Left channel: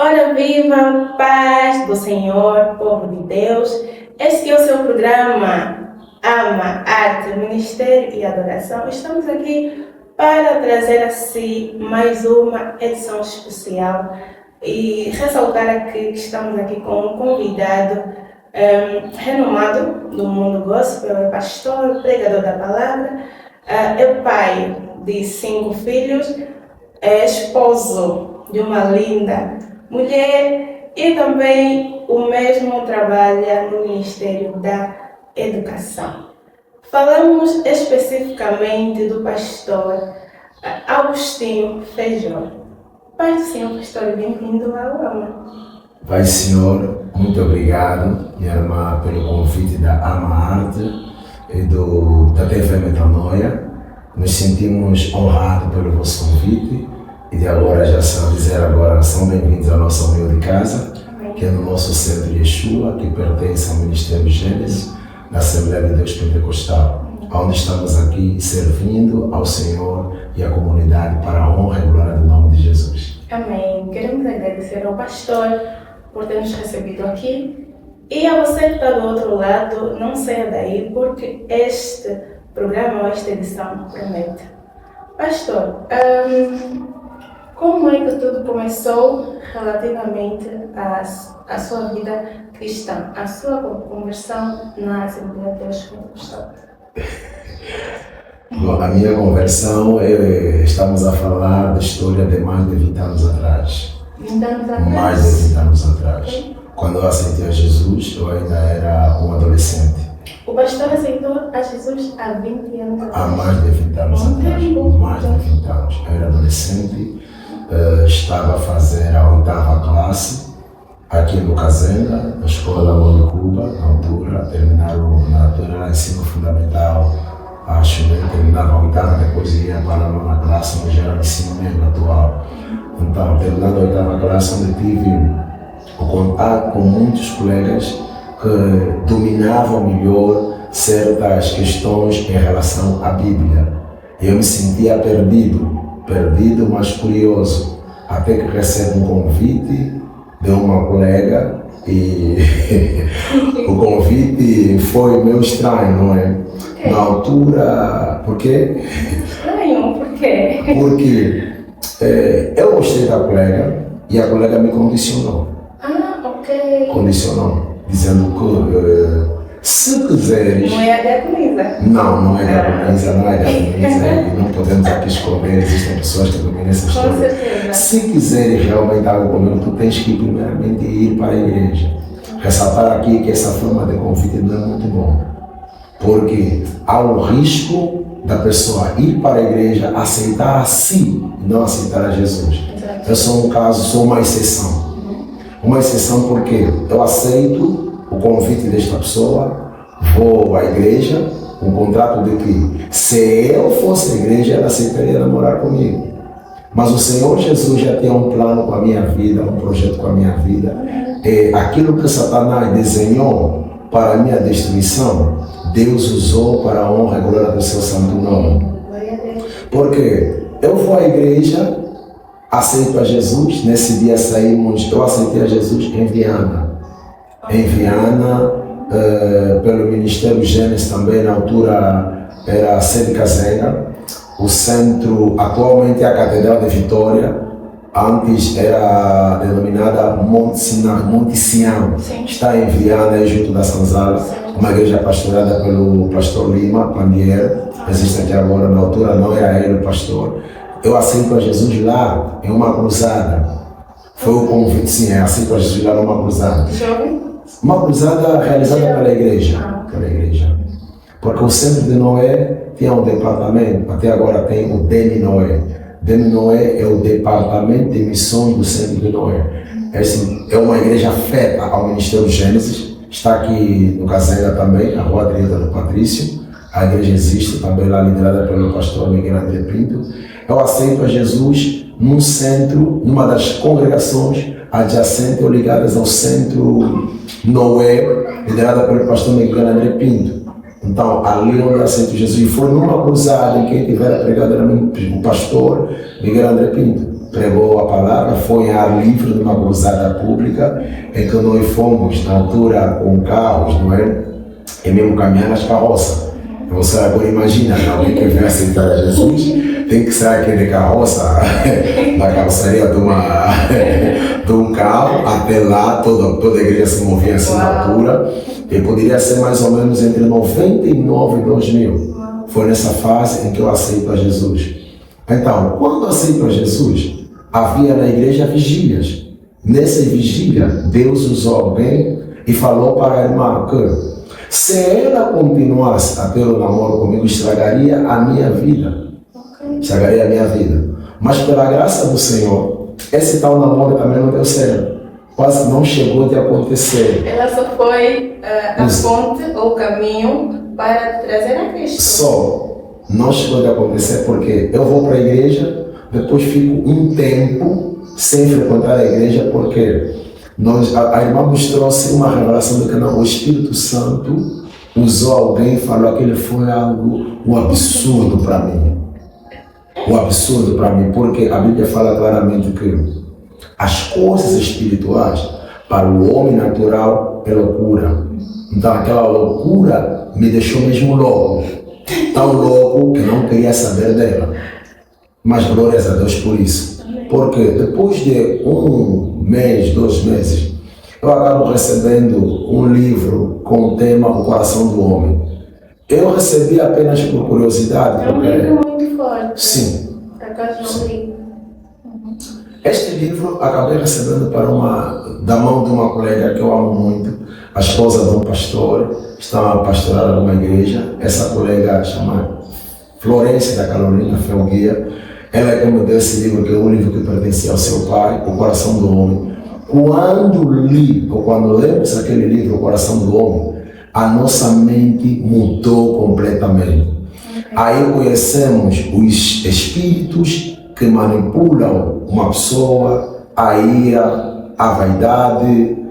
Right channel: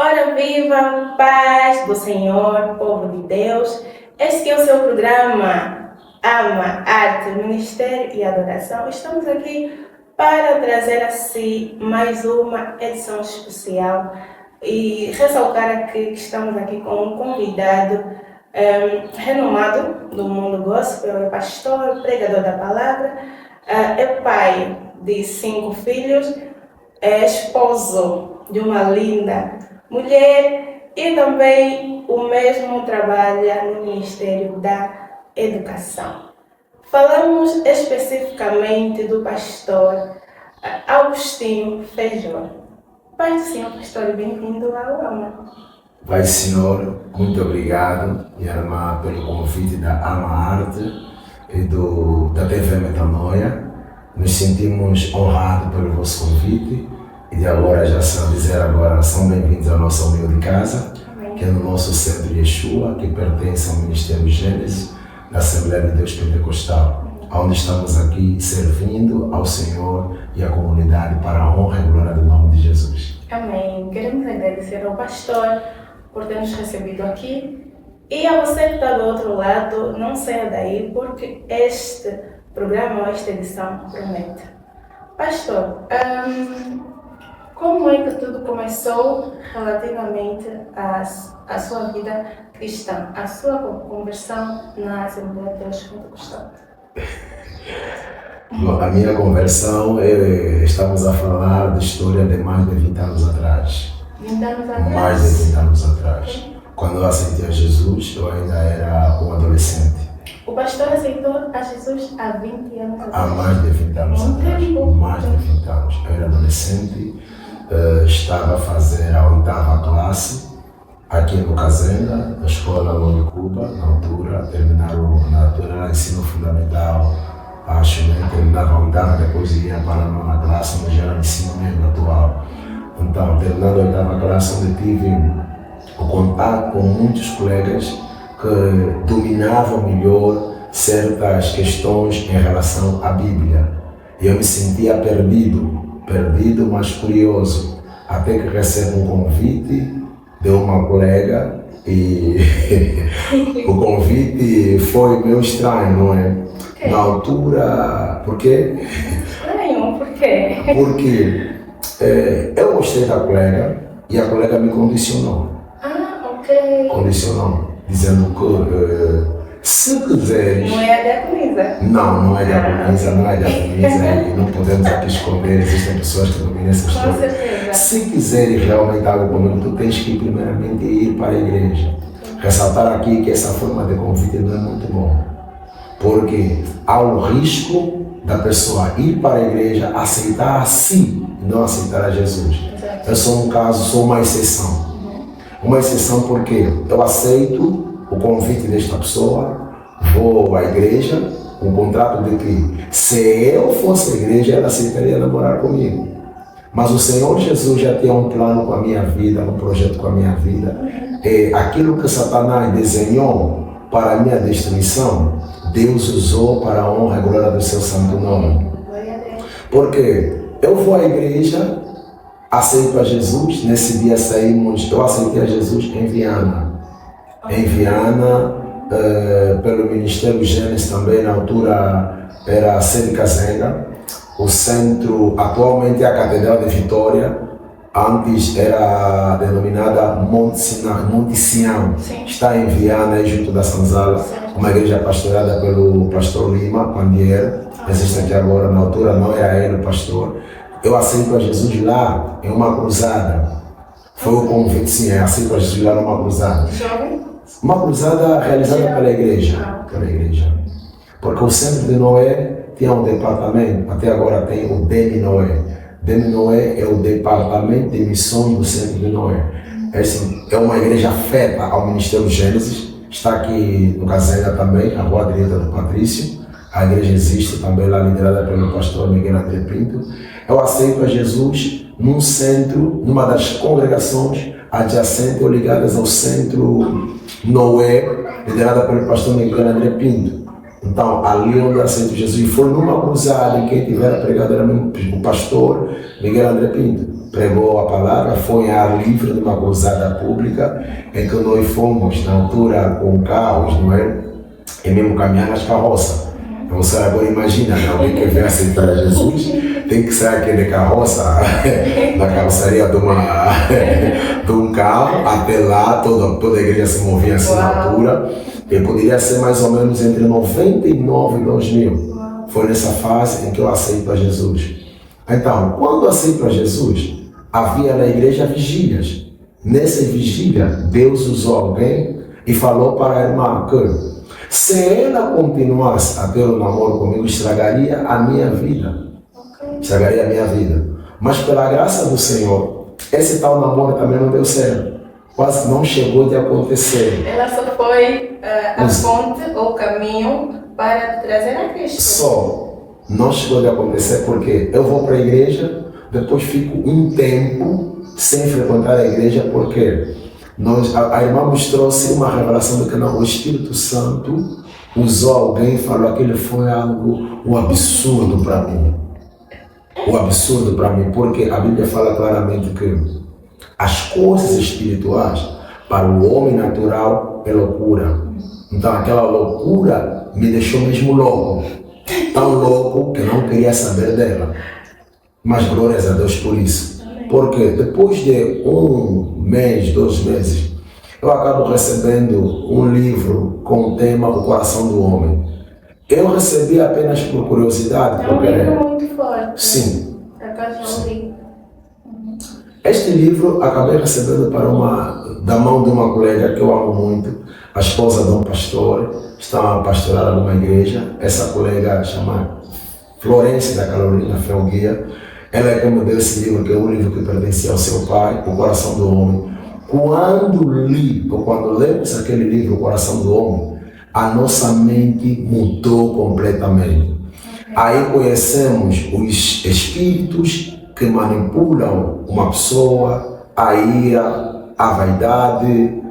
Ora viva, paz do Senhor, povo de Deus. Este é o seu programa Ama, Arte, Ministério e Adoração. Estamos aqui para trazer a si mais uma edição especial e ressaltar aqui que estamos aqui com um convidado renomado do mundo gospel, é pastor, pregador da palavra, é pai de 5 filhos, é esposo de uma linda mulher e também o mesmo trabalha no Ministério da Educação. Falamos especificamente do pastor Agostinho Feijó. Pai do Senhor, pastor, bem-vindo ao AMA. Pai Senhor, muito obrigado, minha irmã, pelo convite da Ama Arte e da TV Metanoia. Nos sentimos honrados pelo vosso convite. E de agora já são bem-vindos à nossa humilde casa, que é no nosso centro de Yeshua, que pertence ao Ministério Gênesis, da Assembleia de Deus Pentecostal, onde estamos aqui servindo ao Senhor e à comunidade para a honra e glória do nome de Jesus. Amém. Queremos agradecer ao pastor por ter nos recebido aqui e a você que está do outro lado, não saia daí, porque este programa ou esta edição promete. Pastor, como é que tudo começou relativamente à sua vida cristã, à sua conversão na Assembleia de Deus Pentecostal? Bom, a minha conversão, estamos a falar da história de mais de 20 anos atrás. 20 anos atrás? Mais de 20 anos atrás. Quando eu aceitei a Jesus, eu ainda era um adolescente. O pastor aceitou a Jesus há 20 anos atrás? Há mais de 20 anos atrás. Mais de 20 anos. Eu era adolescente. Estava a fazer a 8ª classe aqui no Cazenda, da escola Lomicuba, na altura, era ensino fundamental, acho, né? Terminava a 8ª, depois ia para a 9ª classe, mas era ensino médio atual. Então, terminando a 8ª classe, eu tive o contato com muitos colegas que dominavam melhor certas questões em relação à Bíblia. Eu me sentia perdido, mas curioso, até que recebo um convite de uma colega e o convite foi meio estranho, não é? Okay. Na altura, por quê? Estranho, por quê? Porque eu gostei da colega e a colega me condicionou. Ok. Condicionou, dizendo que se quiseres... Não é a diaconisa? Não é diaconisa, e não podemos aqui esconder, existem pessoas que dominam essa história. Com certeza. Se quiseres realmente algo comigo, tu tens que primeiramente ir para a igreja. Ressaltar aqui que essa forma de convite não é muito bom, porque há um risco da pessoa ir para a igreja, aceitar a si e não aceitar a Jesus. Exato. Eu sou um caso, sou uma exceção. Uma exceção porque eu aceito o convite desta pessoa, vou à igreja, um contrato de que se eu fosse à igreja, ela aceitaria namorar comigo. Mas o Senhor Jesus já tinha um plano com a minha vida, um projeto com a minha vida. E aquilo que Satanás desenhou para a minha destruição, Deus usou para a honra e glória do seu santo nome. Porque eu vou à igreja, aceito a Jesus, nesse dia eu aceitei a Jesus em Viana. Pelo Ministério Gênesis também, na altura era a sede Cazenda, o centro, atualmente é a Catedral de Vitória, antes era denominada Monte Sião, está em Viana, junto da Sanzala, uma igreja pastoreada pelo pastor Lima Pandiero, existe aqui agora, na altura não era ele o pastor. Eu aceito a Jesus lá, em uma cruzada, foi o convite, sim, aceito a Jesus lá numa cruzada. Uma cruzada realizada pela igreja, porque o Centro de Noé tinha um departamento, até agora tem o Demi Noé. Demi Noé é o departamento de missões do Centro de Noé. É uma igreja afeta ao Ministério Gênesis, está aqui no Cazenda também, na rua direita do Patrício. A igreja existe também lá, liderada pelo pastor Miguel André Pinto. Eu aceito a Jesus num centro, numa das congregações adjacentes ou ligadas ao Centro Noé, liderada pelo pastor Miguel André Pinto. Então, ali onde eu aceito Jesus, e foi numa cruzada em quem tiver a pregada era o pastor Miguel André Pinto. pregou a palavra, foi em ar livre numa cruzada pública, em que nós fomos, na altura, com carros, não é? E mesmo caminhar nas carroças. Você agora imagina, alguém que vem aceitar a Jesus, tem que sair aquele carroça, da carroceria de um carro, até lá, toda a igreja se movia assim na altura, e poderia ser mais ou menos entre 99 e 2000. Foi nessa fase em que eu aceito a Jesus. Então, quando eu aceito a Jesus, havia na igreja vigílias. Nessa vigília, Deus usou alguém e falou para a irmã que se ela continuasse a ter um namoro comigo, estragaria a minha vida. Estragaria a minha vida. Mas pela graça do Senhor, esse tal namoro também não deu certo. Quase não chegou de acontecer. Ela só foi a ponte ou o caminho para trazer a Cristo. Só não chegou de acontecer porque eu vou para a igreja, depois fico um tempo sem frequentar a igreja, porque a irmã nos trouxe uma revelação de que não, o Espírito Santo usou alguém e falou que aquilo foi um absurdo para mim. Um absurdo para mim, porque a Bíblia fala claramente que as coisas espirituais para o homem natural é loucura. Então aquela loucura me deixou mesmo louco. Tão louco que não queria saber dela. Mas glórias a Deus por isso. Porque depois de 1 mês, 2 meses, eu acabo recebendo um livro com o tema O Coração do Homem. Eu recebi apenas por curiosidade. É um livro muito forte. Sim. Sim. Este livro acabei recebendo da mão de uma colega que eu amo muito, a esposa de um pastor, está a pastorar numa igreja. Essa colega chama Florência da Carolina Felguia. Ela é como deu esse livro, que é um livro que pertencia ao seu pai, O Coração do Homem. Quando lemos aquele livro, O Coração do Homem, a nossa mente mudou completamente. Aí conhecemos os espíritos que manipulam uma pessoa, a ira, a vaidade.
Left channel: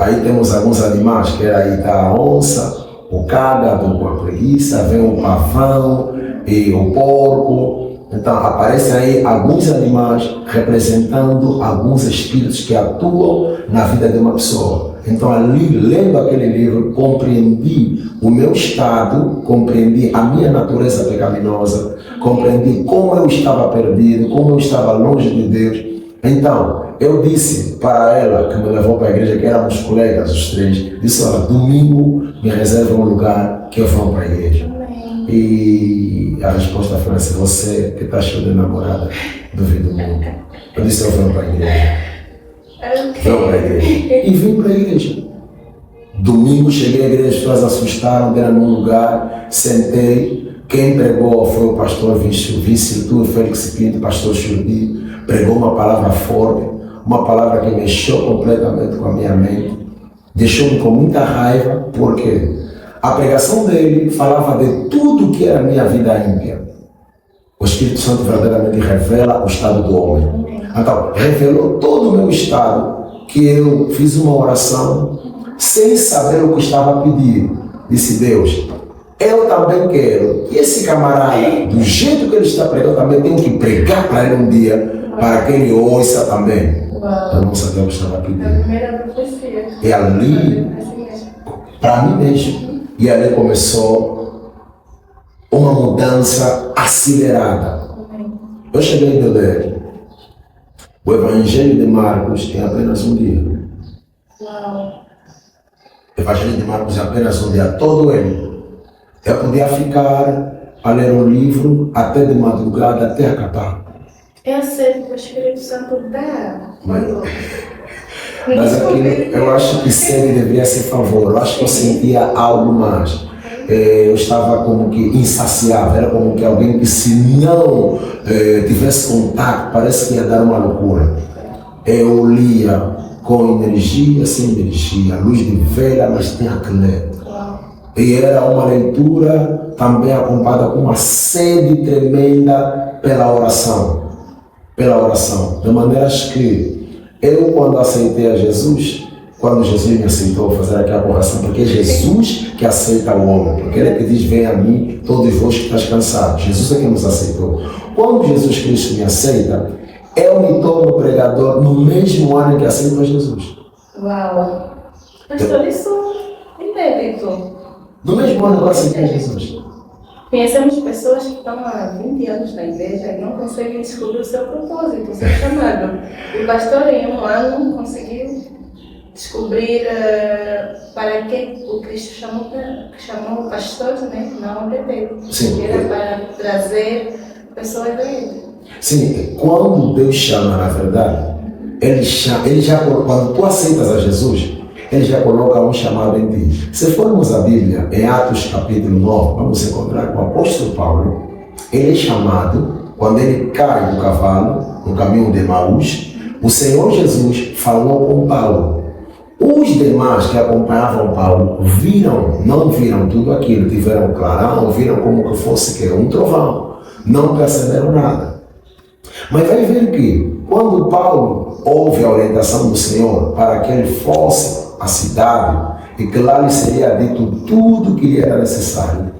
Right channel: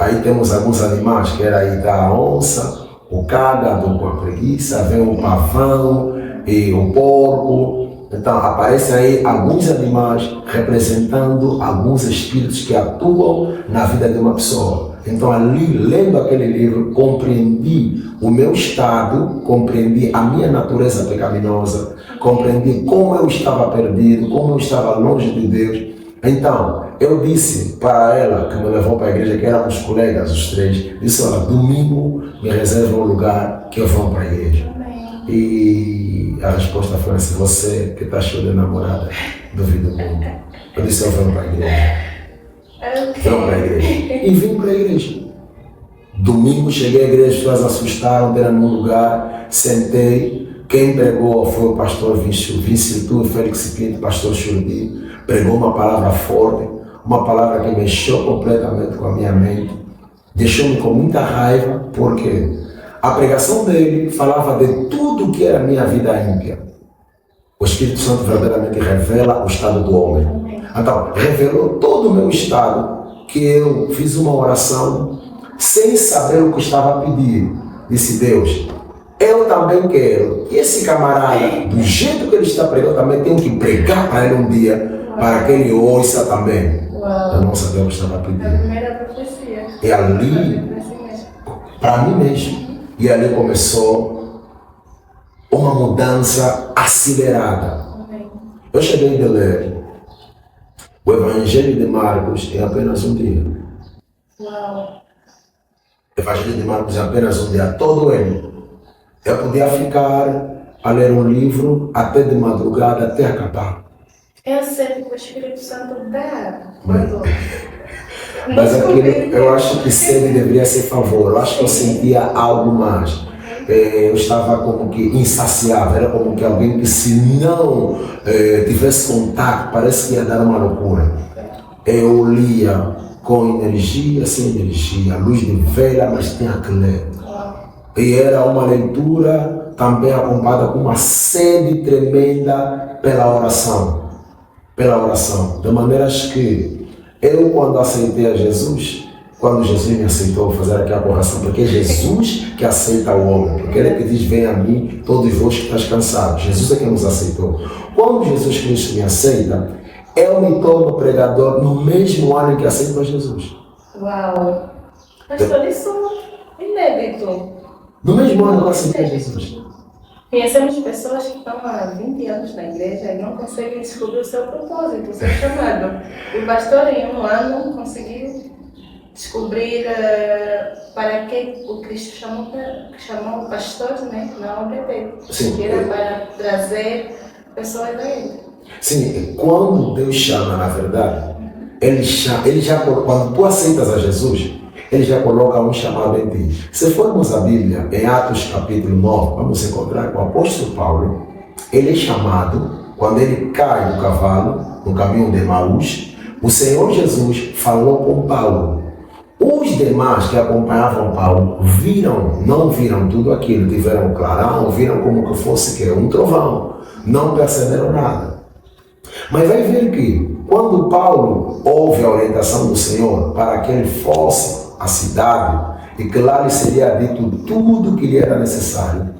Aí temos alguns animais, que era aí da onça, o cágado com a preguiça, vem o pavão e o porco. Então aparecem aí alguns animais representando alguns espíritos que atuam na vida de uma pessoa. Então ali, lendo aquele livro, compreendi o meu estado, compreendi a minha natureza pecaminosa, compreendi como eu estava perdido, como eu estava longe de Deus. Então eu disse para ela, que me levou para a igreja, que éramos colegas os três, disse: olha, domingo me reserva um lugar que eu vou para a igreja. E a resposta foi assim: você que está cheio de namorada, duvido muito. Eu disse: eu venho para a igreja. Venho para a igreja. E vim para a igreja. Domingo cheguei à igreja, as pessoas assustaram, deram num lugar, sentei. Quem pregou foi o pastor Vice-Tur Félix Pinto, pastor Churbi. Pregou uma palavra forte, uma palavra que mexeu completamente com a minha mente, deixou-me com muita raiva, porque a pregação dele falava de tudo que era a minha vida ímpia. O Espírito Santo verdadeiramente revela o estado do homem. Então, revelou todo o meu estado, que eu fiz uma oração sem saber o que estava a pedir. Disse: Deus, eu também quero que esse camarada, do jeito que ele está pregando, também tenho que pregar para ele um dia, para que ele ouça também. Eu não sabia o que estava a pedir. E ali, para mim mesmo, e ali começou uma mudança acelerada. Eu cheguei a ler o Evangelho de Marcos em apenas um dia. O Evangelho de Marcos em apenas um dia, todo ele. Eu podia ficar a ler um livro até de madrugada, até acabar. Eu sei que o Espírito Santo dá. Mas aquilo, eu acho que sede deveria ser favor. Eu acho que eu sentia algo mais. Eu estava como que insaciável. Era como que alguém que, se não tivesse contato, parece que ia dar uma loucura. Eu lia com energia, sem energia, luz de vela, mas tinha que ler. E era uma leitura também acompanhada com uma sede tremenda pela oração. De maneiras que eu, quando aceitei a Jesus, quando Jesus me aceitou, fazer aqui a correção, porque é Jesus que aceita o homem, porque ele é que diz: vem a mim todos vós que estás cansados. Jesus é que nos aceitou. Quando Jesus Cristo me aceita, Eu me torno pregador no mesmo ano em que aceito a Jesus. Uau! Pastor, isso é inédito. No mesmo ano que eu aceitei a Jesus. Conhecemos pessoas que estão há 20 anos na igreja e não conseguem descobrir o seu propósito, o seu chamado. O pastor, em um ano, conseguiu descobrir para que o Cristo chamou pastores, né? Não APP. Sim. Era para trazer pessoas a ele. Sim, quando Deus chama, na verdade, quando tu aceitas a Jesus, Ele já coloca um chamado em ti. Se formos a Bíblia, em Atos capítulo 9, vamos encontrar com o apóstolo Paulo. Ele é chamado, quando ele cai do cavalo, no caminho de Emaús, o Senhor Jesus falou com Paulo. Os demais que acompanhavam Paulo não viram tudo aquilo, tiveram clarão, viram como que fosse um trovão, não perceberam nada. Mas vai ver que, quando Paulo ouve a orientação do Senhor para que ele fosse à cidade e que lá lhe seria dito tudo o que lhe era necessário,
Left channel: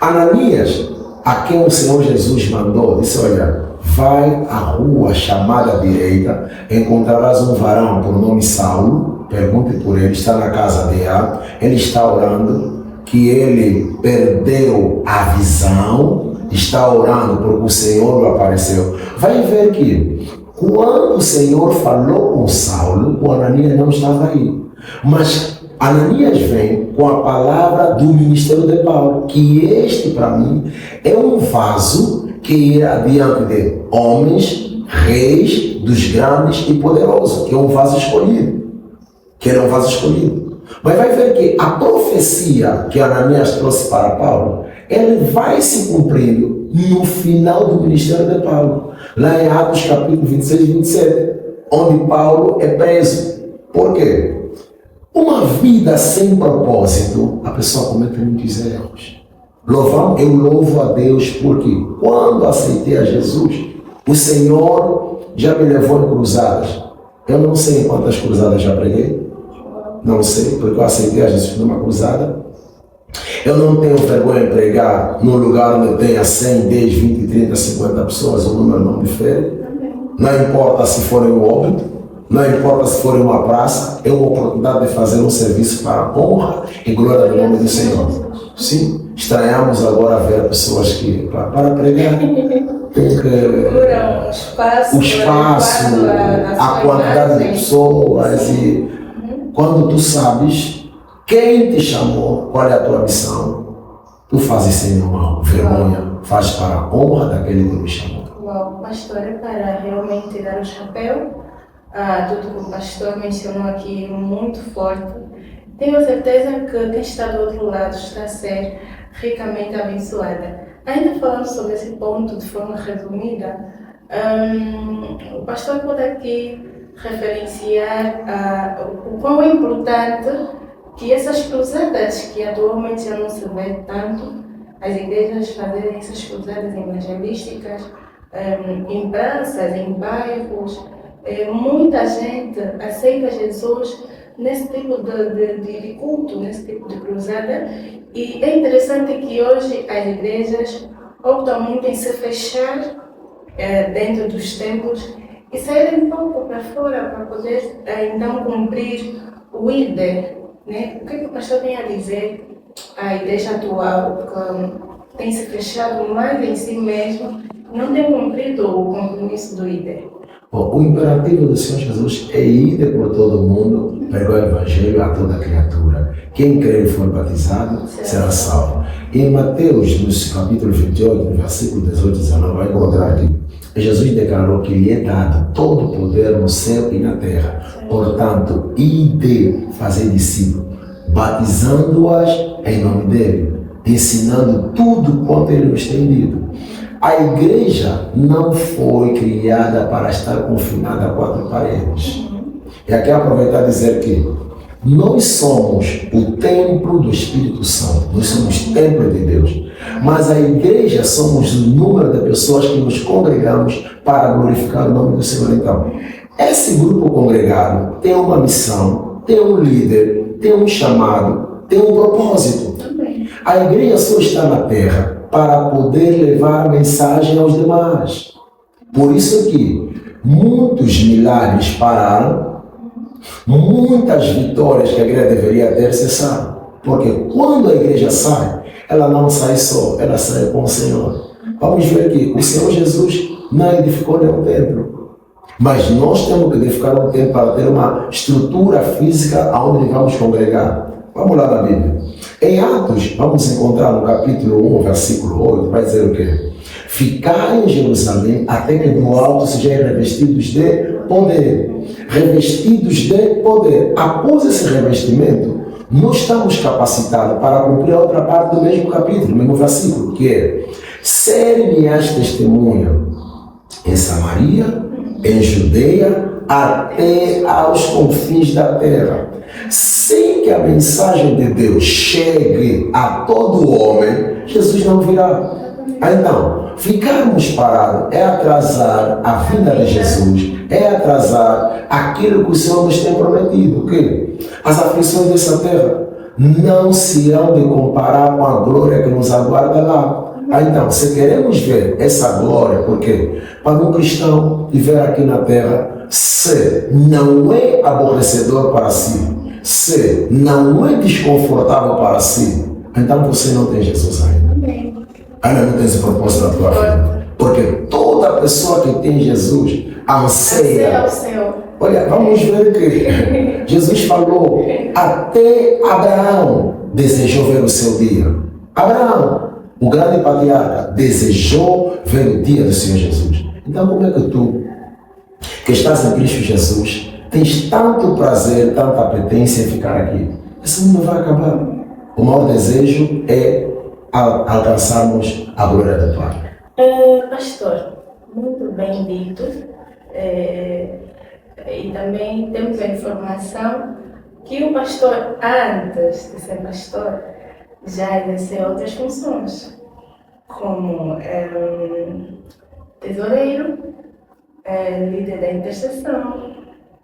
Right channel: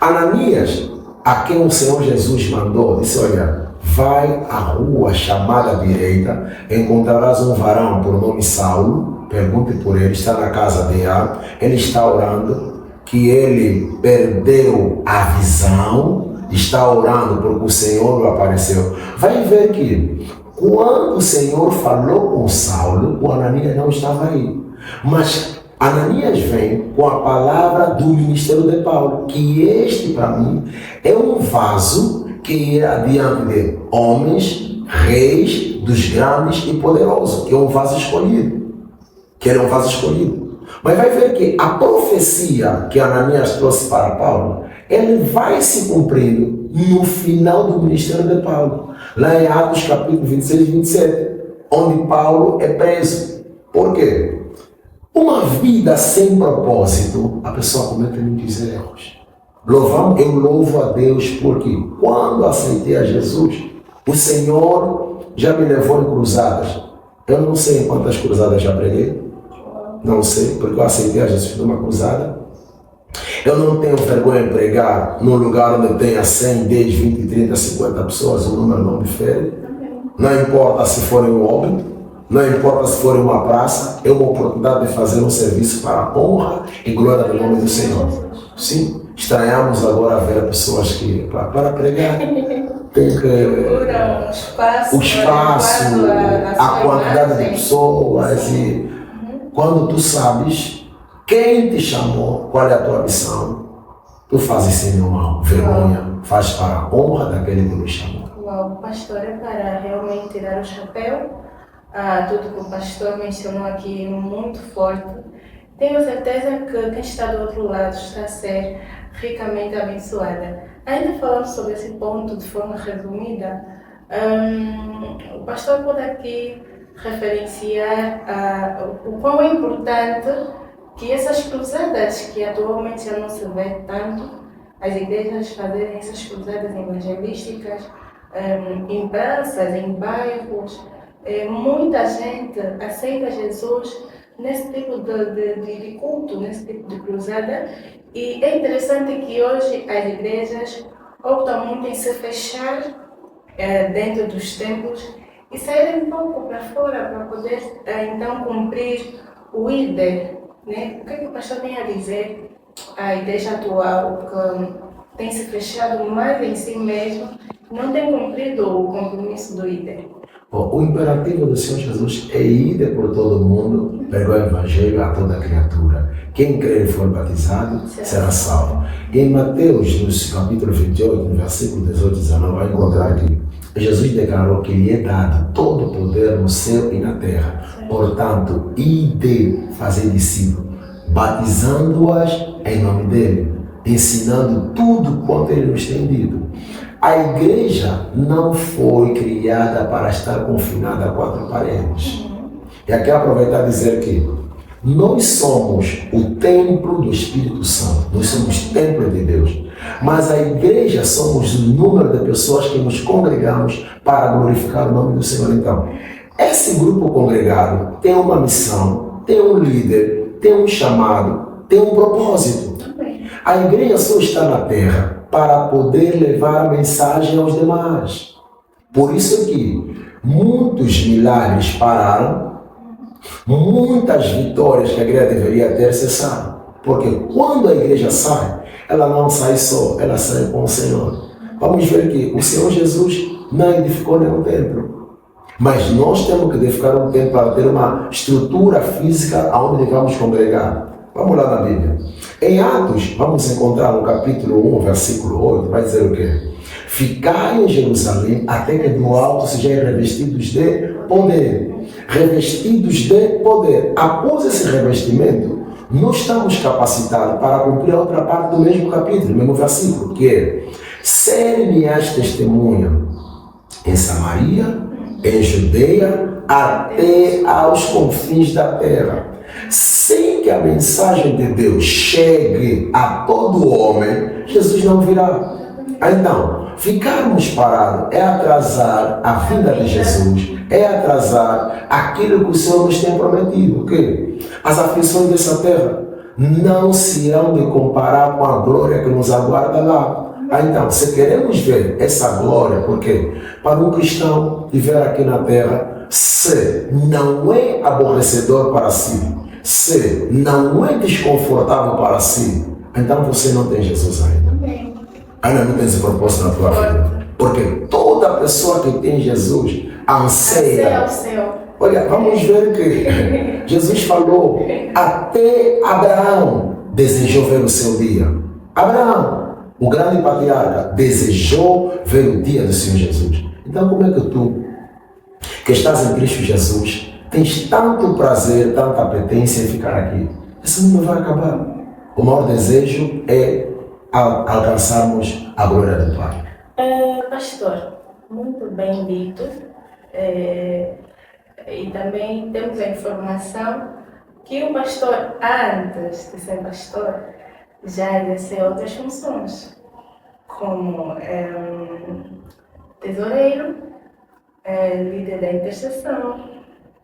Ananias, a quem o Senhor Jesus mandou, disse: olha, vai à rua chamada direita, encontrarás um varão por nome Saulo, pergunte por ele, está na casa de A, ele está orando, que ele perdeu a visão, está orando porque o Senhor lhe apareceu. Vai ver que, quando o Senhor falou com Saulo, o Ananias não estava aí. Mas Ananias vem com a palavra do ministério de Paulo, que este, para mim, é um vaso que irá diante de homens, reis, dos grandes e poderosos, que é um vaso escolhido. Que ele é um vaso escolhido. Mas vai ver que a profecia que Ananias trouxe para Paulo, ele vai se cumprindo no final do ministério de Paulo. Lá em Atos capítulo 26 e 27, onde Paulo é preso. Por quê? Uma vida sem propósito, a pessoa comete muitos erros. Eu louvo a Deus porque quando aceitei a Jesus, o Senhor já me levou em cruzadas. Eu não sei em quantas cruzadas já preguei. Não sei, porque eu aceitei a Jesus numa cruzada. Eu não tenho vergonha de pregar num lugar onde tenha 100, 10, 20, 30, 50 pessoas, o número não difere. Não importa se for em um óbito, não importa se for em uma praça, é uma oportunidade de fazer um serviço para a honra e glória do nome do Senhor. Sim, estranhamos agora ver pessoas que, para pregar, tem que o espaço, a quantidade de pessoas, e quando tu sabes quem te chamou, qual é a tua missão, tu fazes sem nenhuma vergonha, faz para a honra daquele que te chamou. Uau, pastor, é para realmente tirar o chapéu. Tudo que o pastor mencionou aqui muito forte. Tenho certeza que quem está do outro lado está a ser ricamente abençoada. Ainda falando sobre esse ponto de forma resumida, o pastor pode aqui referenciar o quão é importante que essas cruzadas, que atualmente já não se vê tanto, as igrejas fazerem essas cruzadas evangelísticas em praças, em bairros. Muita gente aceita Jesus nesse tipo de culto, nesse tipo de cruzada, e é interessante que hoje as igrejas optam muito em se fechar dentro dos templos e saírem um pouco para fora para poder então cumprir o ID, né? O que o pastor tem a dizer à igreja atual, que tem se fechado mais em si mesmo, não tem cumprido o compromisso do ID? O imperativo do Senhor Jesus é ir por todo o mundo, pregar o Evangelho a toda criatura. Quem crer e for batizado será salvo. Em Mateus, no capítulo 28, no versículo 18 e 19, vai encontrar que Jesus declarou que lhe é dado todo o poder no céu e na terra. Portanto, ide fazer discípulos, batizando-as em nome dele, ensinando tudo quanto ele nos tem dito. A igreja não foi criada para estar confinada a quatro paredes. E aqui aproveitar e dizer que nós somos o templo do Espírito Santo, nós somos templo de Deus. Mas a igreja somos o número de pessoas que nos congregamos para glorificar o nome do Senhor. Então, esse grupo congregado tem uma missão, tem um líder, tem um chamado, tem um propósito. A igreja só está na terra para poder levar a mensagem aos demais. Por isso que muitos milagres pararam, muitas vitórias que a igreja deveria ter cessaram. Porque quando a igreja sai, ela não sai só, ela sai com o Senhor. Vamos ver que o Senhor Jesus não edificou nenhum templo. Mas nós temos que edificar um templo para ter uma estrutura física onde vamos congregar. Vamos lá na Bíblia. Em Atos, vamos encontrar no capítulo 1, versículo 8, vai dizer o quê? Ficai em Jerusalém até que do alto sejam revestidos de poder. Revestidos de poder. Após esse revestimento, nós estamos capacitados para cumprir a outra parte do mesmo capítulo, mesmo versículo, que é: ser-me-ás testemunha em Samaria, em Judeia, até aos confins da terra. Sem que a mensagem de Deus chegue a todo homem, Jesus não virá. Então, ficarmos parados é atrasar a vinda de Jesus, é atrasar aquilo que o Senhor nos tem prometido. Que as aflições dessa terra não se hão de comparar com a glória que nos aguarda lá. Então, se queremos ver essa glória, porque para um cristão viver aqui na terra, se não é aborrecedor para si, se não é desconfortável para si, então você não tem Jesus ainda. Ainda não tem esse propósito na tua vida. Porque toda pessoa que tem Jesus anseia. Olha, vamos ver que Jesus falou, até Abraão desejou ver o seu dia. Abraão, o grande patriarca, desejou ver o dia do Senhor Jesus. Então como é que tu, que estás em Cristo Jesus, tens tanto prazer, tanta apetência em ficar aqui? Isso não vai acabar. O maior desejo é alcançarmos a glória do Pai. Pastor, muito bem dito. E também temos a informação que o pastor, antes de ser pastor, já exerceu outras funções, como tesoureiro, líder da intercessão,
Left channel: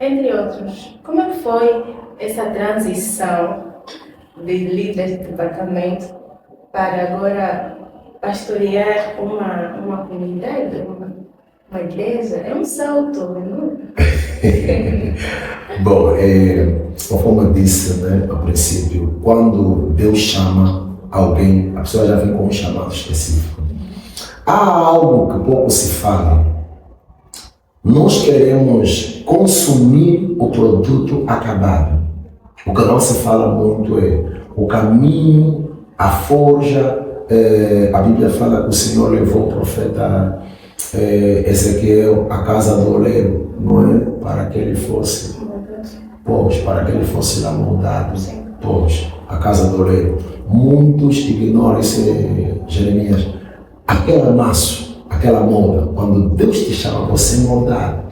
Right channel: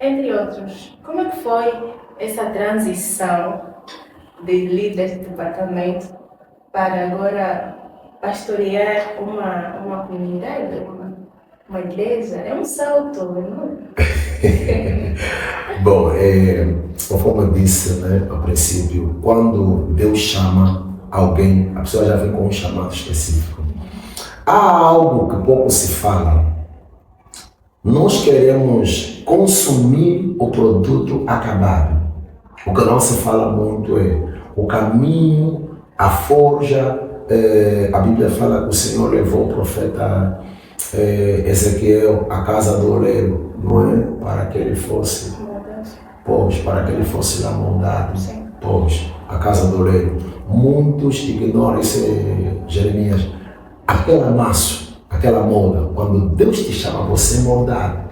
entre outros. Como é que foi essa transição de líder de departamento para agora pastorear uma comunidade, uma igreja? É um salto, não é? Bom, conforme eu disse, né, ao princípio, quando Deus chama alguém, a pessoa já vem com um chamado específico. Há algo que pouco se fala. Nós queremos consumir o produto acabado. O que não se fala muito é o caminho, a forja. A Bíblia fala que o Senhor levou o profeta Ezequiel à casa do oleiro, não é? Para que ele fosse, para que ele fosse lá moldado, a casa do oleiro. Muitos ignoram isso, Jeremias. Aquela massa, aquela molda, quando Deus te chama, você moldar.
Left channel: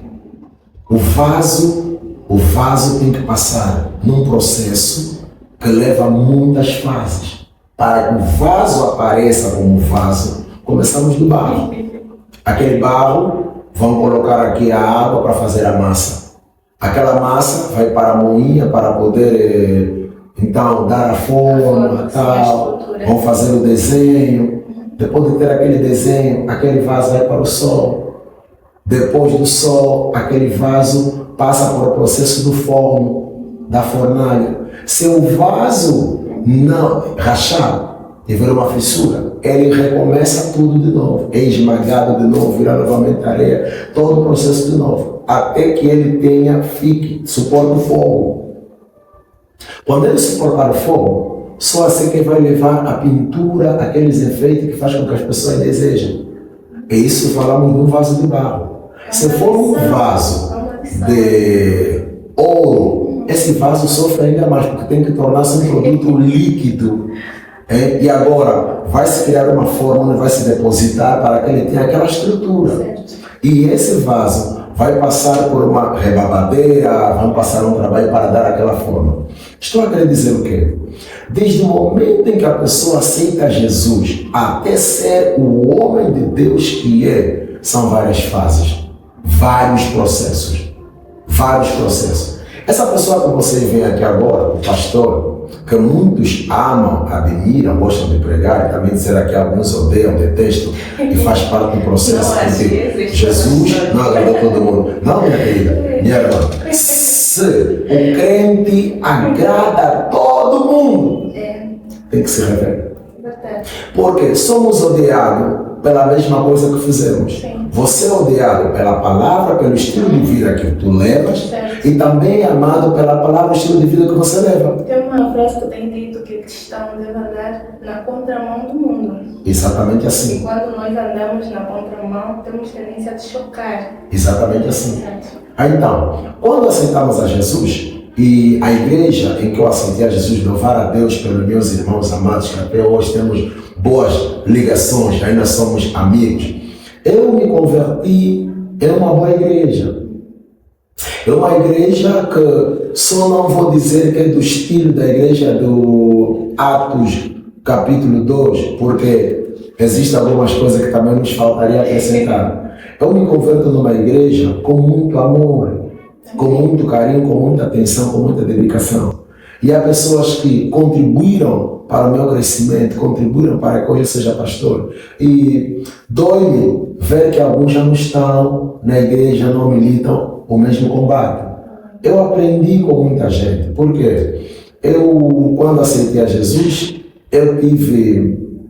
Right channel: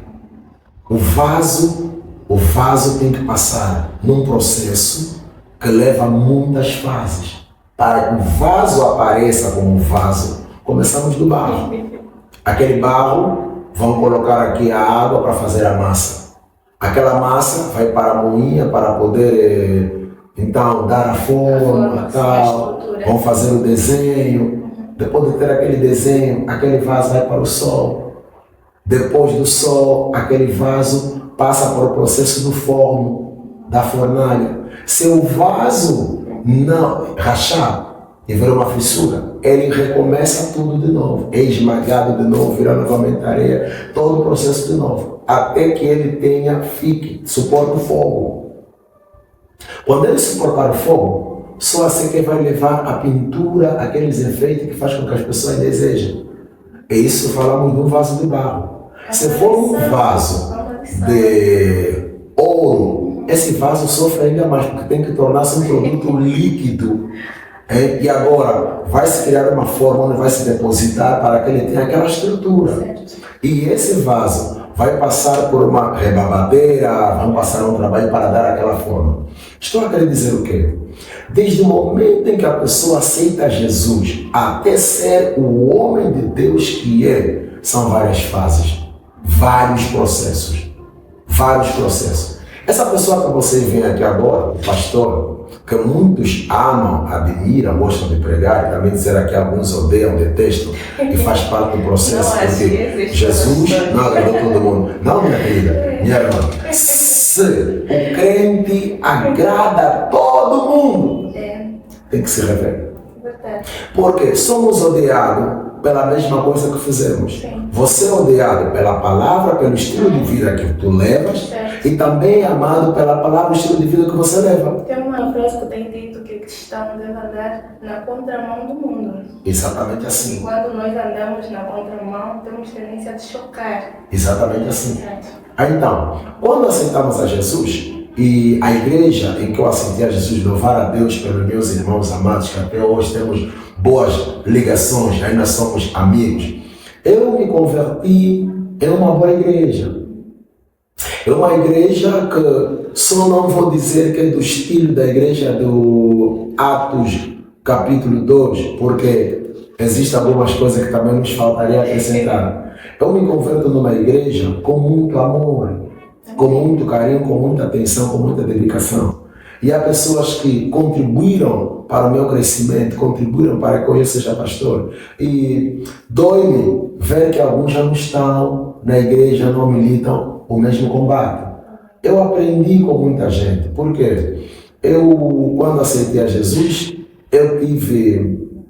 O vaso tem que passar num processo que leva muitas fases. Para que o vaso apareça como vaso, começamos do barro. Aquele barro, vão colocar aqui a água para fazer a massa. Aquela massa vai para a moinha para poder, então, dar a forma, tal. Vão fazer o desenho. Depois de ter aquele desenho, aquele vaso vai para o sol. Depois do sol, aquele vaso passa para o processo do forno, da fornalha. Se o vaso não rachar e virar uma fissura, ele recomeça tudo de novo. É esmagado de novo, vira novamente areia, todo o processo de novo. Até que ele suporte o fogo. Quando ele suportar o fogo, só assim que vai levar a pintura, aqueles efeitos que faz com que as pessoas desejam. É isso que falamos de um vaso de barro. Se for um vaso de ouro, esse vaso sofre ainda mais, porque tem que tornar-se um produto líquido. E agora vai se criar uma forma onde vai se depositar para que ele tenha aquela estrutura. E esse vaso vai passar por uma rebabadeira, vão passar um trabalho para dar aquela forma. Estou a querer dizer o quê? Desde o momento em que a pessoa aceita Jesus até ser o homem de Deus que é, são várias fases, vários processos. Essa pessoa que você vê aqui agora, o pastor, que muitos amam, admiram, gostam de pregar, e também dizer que alguns odeiam, detestam, e faz parte do processo, porque Jesus não agradou todo mundo. Não, minha querida, minha irmã, se o crente agrada a todo mundo, tem que se rever. Porque somos odiados pela mesma coisa que fizemos. Você é odiado pela palavra, pelo estilo de vida que tu levas, e também amado pela palavra e estilo de vida que você leva. Tem uma frase que tem dito que cristãos devem andar na contramão do mundo. Exatamente E assim. quando nós andamos na contramão, temos tendência de chocar. Exatamente assim. Então, quando aceitamos a Jesus, e a igreja em que eu aceitei a Jesus, louvar a Deus pelos meus irmãos amados, que até hoje temos boas ligações, ainda somos amigos, eu me converti em uma boa igreja. É uma igreja que só não vou dizer que é do estilo da igreja do Atos capítulo 2, porque existem algumas coisas que também nos faltaria acrescentar. Eu me converto numa igreja com muito amor, com muito carinho, com muita atenção, com muita dedicação. E há pessoas que contribuíram para o meu crescimento, contribuíram para que eu seja pastor. E dói-me ver que alguns já não estão na igreja, não militam o mesmo combate. Eu aprendi com muita gente, porque eu, quando aceitei a Jesus, eu tive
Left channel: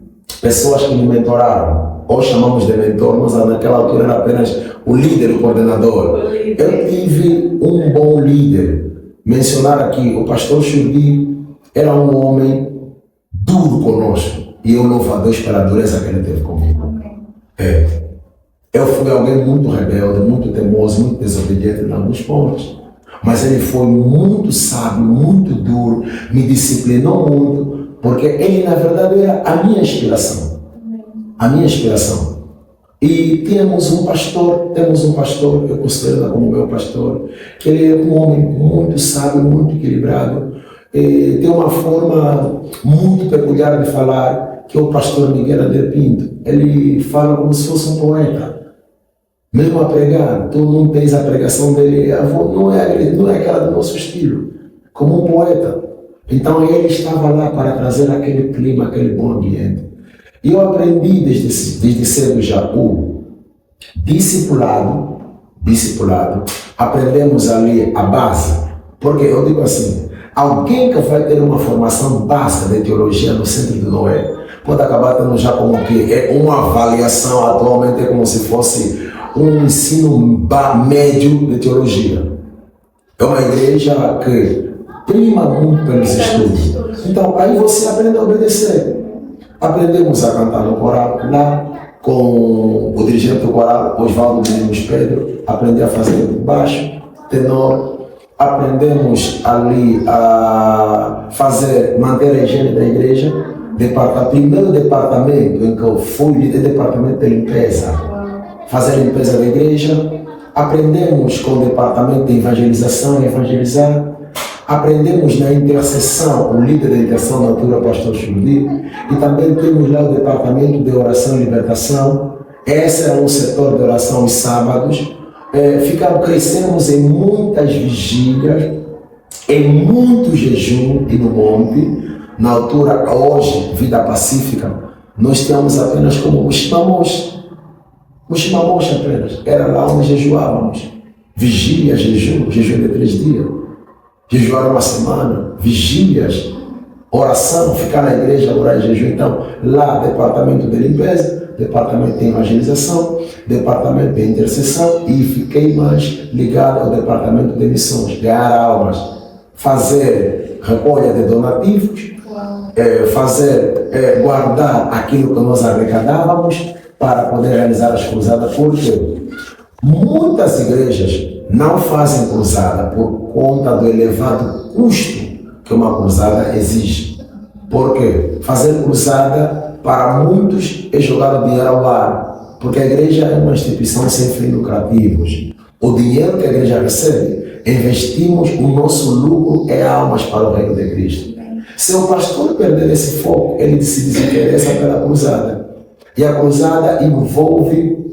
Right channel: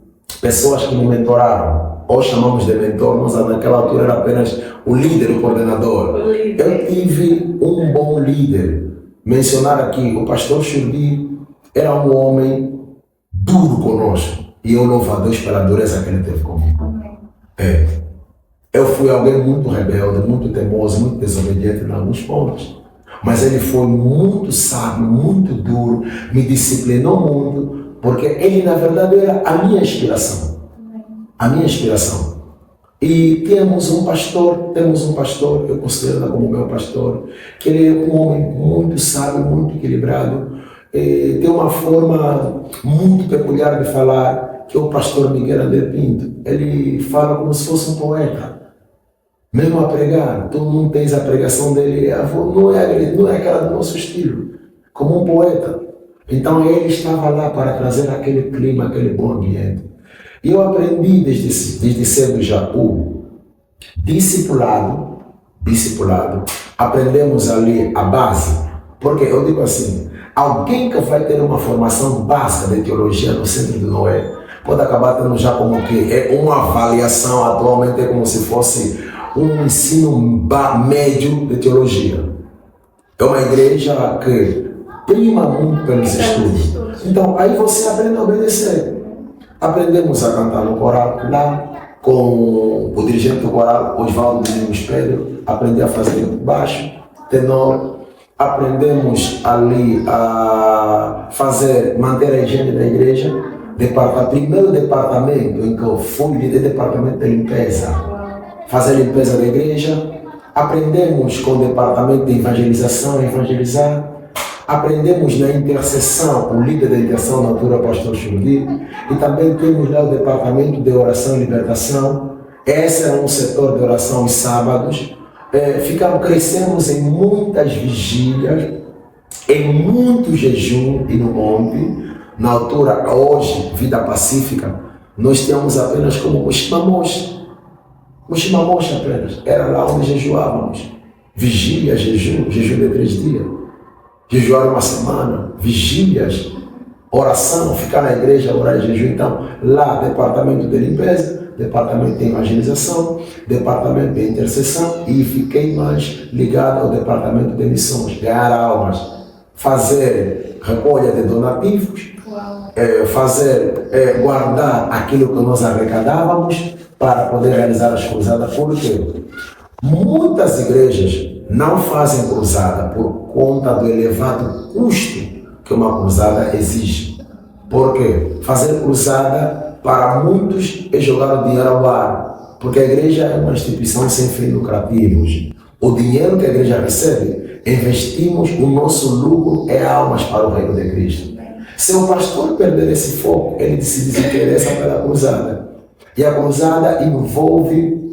pessoas que me mentoraram. Hoje chamamos de mentor, mas naquela altura era apenas o líder, o coordenador. Eu tive um bom líder. Mencionar aqui, o pastor Churdi era um homem duro conosco. E eu louvo a Deus pela dureza que ele teve comigo. Eu fui alguém muito rebelde, muito teimoso, muito desobediente em alguns pontos. Mas ele foi muito sábio, muito duro, me disciplinou muito, porque ele, na verdade, era a minha inspiração. A minha inspiração. E temos um pastor, eu considero como meu pastor, que ele é um homem muito sábio, muito equilibrado, e tem uma forma muito peculiar de falar, que é o pastor Miguel André Pinto. Ele fala como se fosse um poeta. Mesmo a pregar, tu não tens a pregação dele, não é aquela do nosso estilo, como um poeta. Então ele estava lá para trazer aquele clima, aquele bom ambiente. E eu aprendi desde cedo já o discipulado, aprendemos ali a base, porque eu digo assim, alguém que vai ter uma formação básica de teologia no Centro de Noé, pode acabar tendo já como que é uma avaliação atualmente, é como se fosse um ensino médio de teologia. É uma igreja que prima muito pelos estudos. Então, aí você aprende a obedecer. Aprendemos a cantar no coral lá, com o dirigente do coral, Osvaldo Domingos Pedro, aprendi a fazer baixo, tenor, aprendemos ali a manter a higiene da igreja, primeiro departamento em que eu fui líder, departamento de limpeza, fazer limpeza da igreja, aprendemos com o departamento de evangelização, evangelizar, aprendemos na intercessão, o líder da intercessão na altura, o pastor Chumbi, e também temos lá o departamento de oração e libertação. Esse era um setor de oração aos sábados. Crescemos em muitas vigílias, em muito jejum e no monte. Na altura, hoje, Vida Pacífica, nós tínhamos apenas como Muximamoxa apenas. Era lá onde jejuávamos. Vigília, jejum de 3 dias. Jejuar uma semana, vigílias, oração, ficar na igreja, orar e jejum. Então, lá, departamento de limpeza, departamento de evangelização, departamento de intercessão, e fiquei mais ligado ao departamento de missões, ganhar almas, fazer recolha de donativos, guardar aquilo que nós arrecadávamos para poder realizar as cruzadas, porque muitas igrejas não fazem cruzada por conta do elevado custo que uma cruzada exige. Porque fazer cruzada para muitos é jogar o dinheiro ao ar, porque a igreja é uma instituição sem fins lucrativos. O dinheiro que a igreja recebe, investimos o nosso lucro em almas para o reino de Cristo. Se o pastor perder esse foco, ele se desinteressa pela cruzada. E a cruzada envolve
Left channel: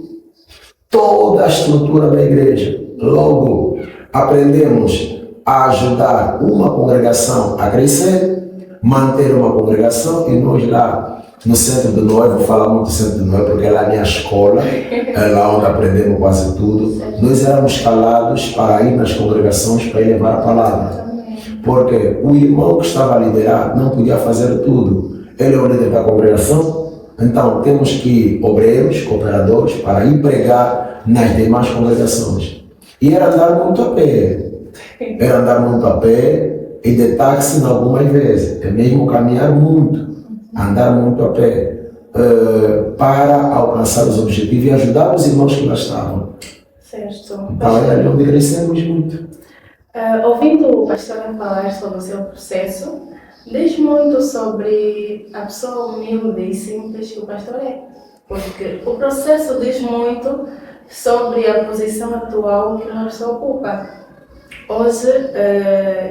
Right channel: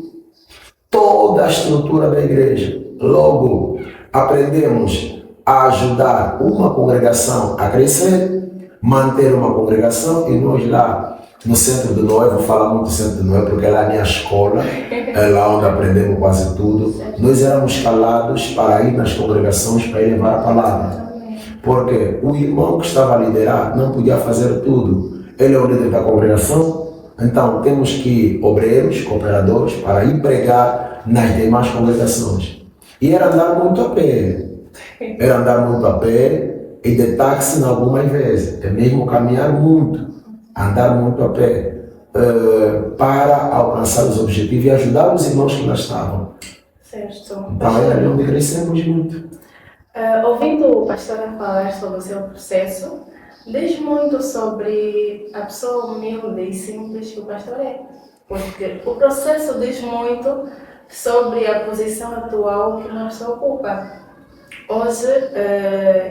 toda a estrutura da igreja. Logo, aprendemos a ajudar uma congregação a crescer, manter uma congregação e nós lá no Centro do Noé, vou falar muito do Centro do Noé porque lá é a minha escola, é lá onde aprendemos quase tudo. Nós éramos calados para ir nas congregações para ir levar a palavra. Porque o irmão que estava a liderar não podia fazer tudo. Ele é o líder da congregação, então temos que ir obreiros, cooperadores, para ir pregar nas demais congregações. E era andar muito a pé. Era andar muito a pé e de táxi algumas vezes. É mesmo caminhar muito, andar muito a pé, para alcançar os objetivos e ajudar os irmãos que lá estavam. Certo. Para ali onde crescemos muito. Ouvindo o pastor falar sobre o seu processo, diz muito sobre a pessoa humilde e simples que o pastor é. Porque o processo diz muito sobre a posição atual que a pessoa ocupa. Hoje,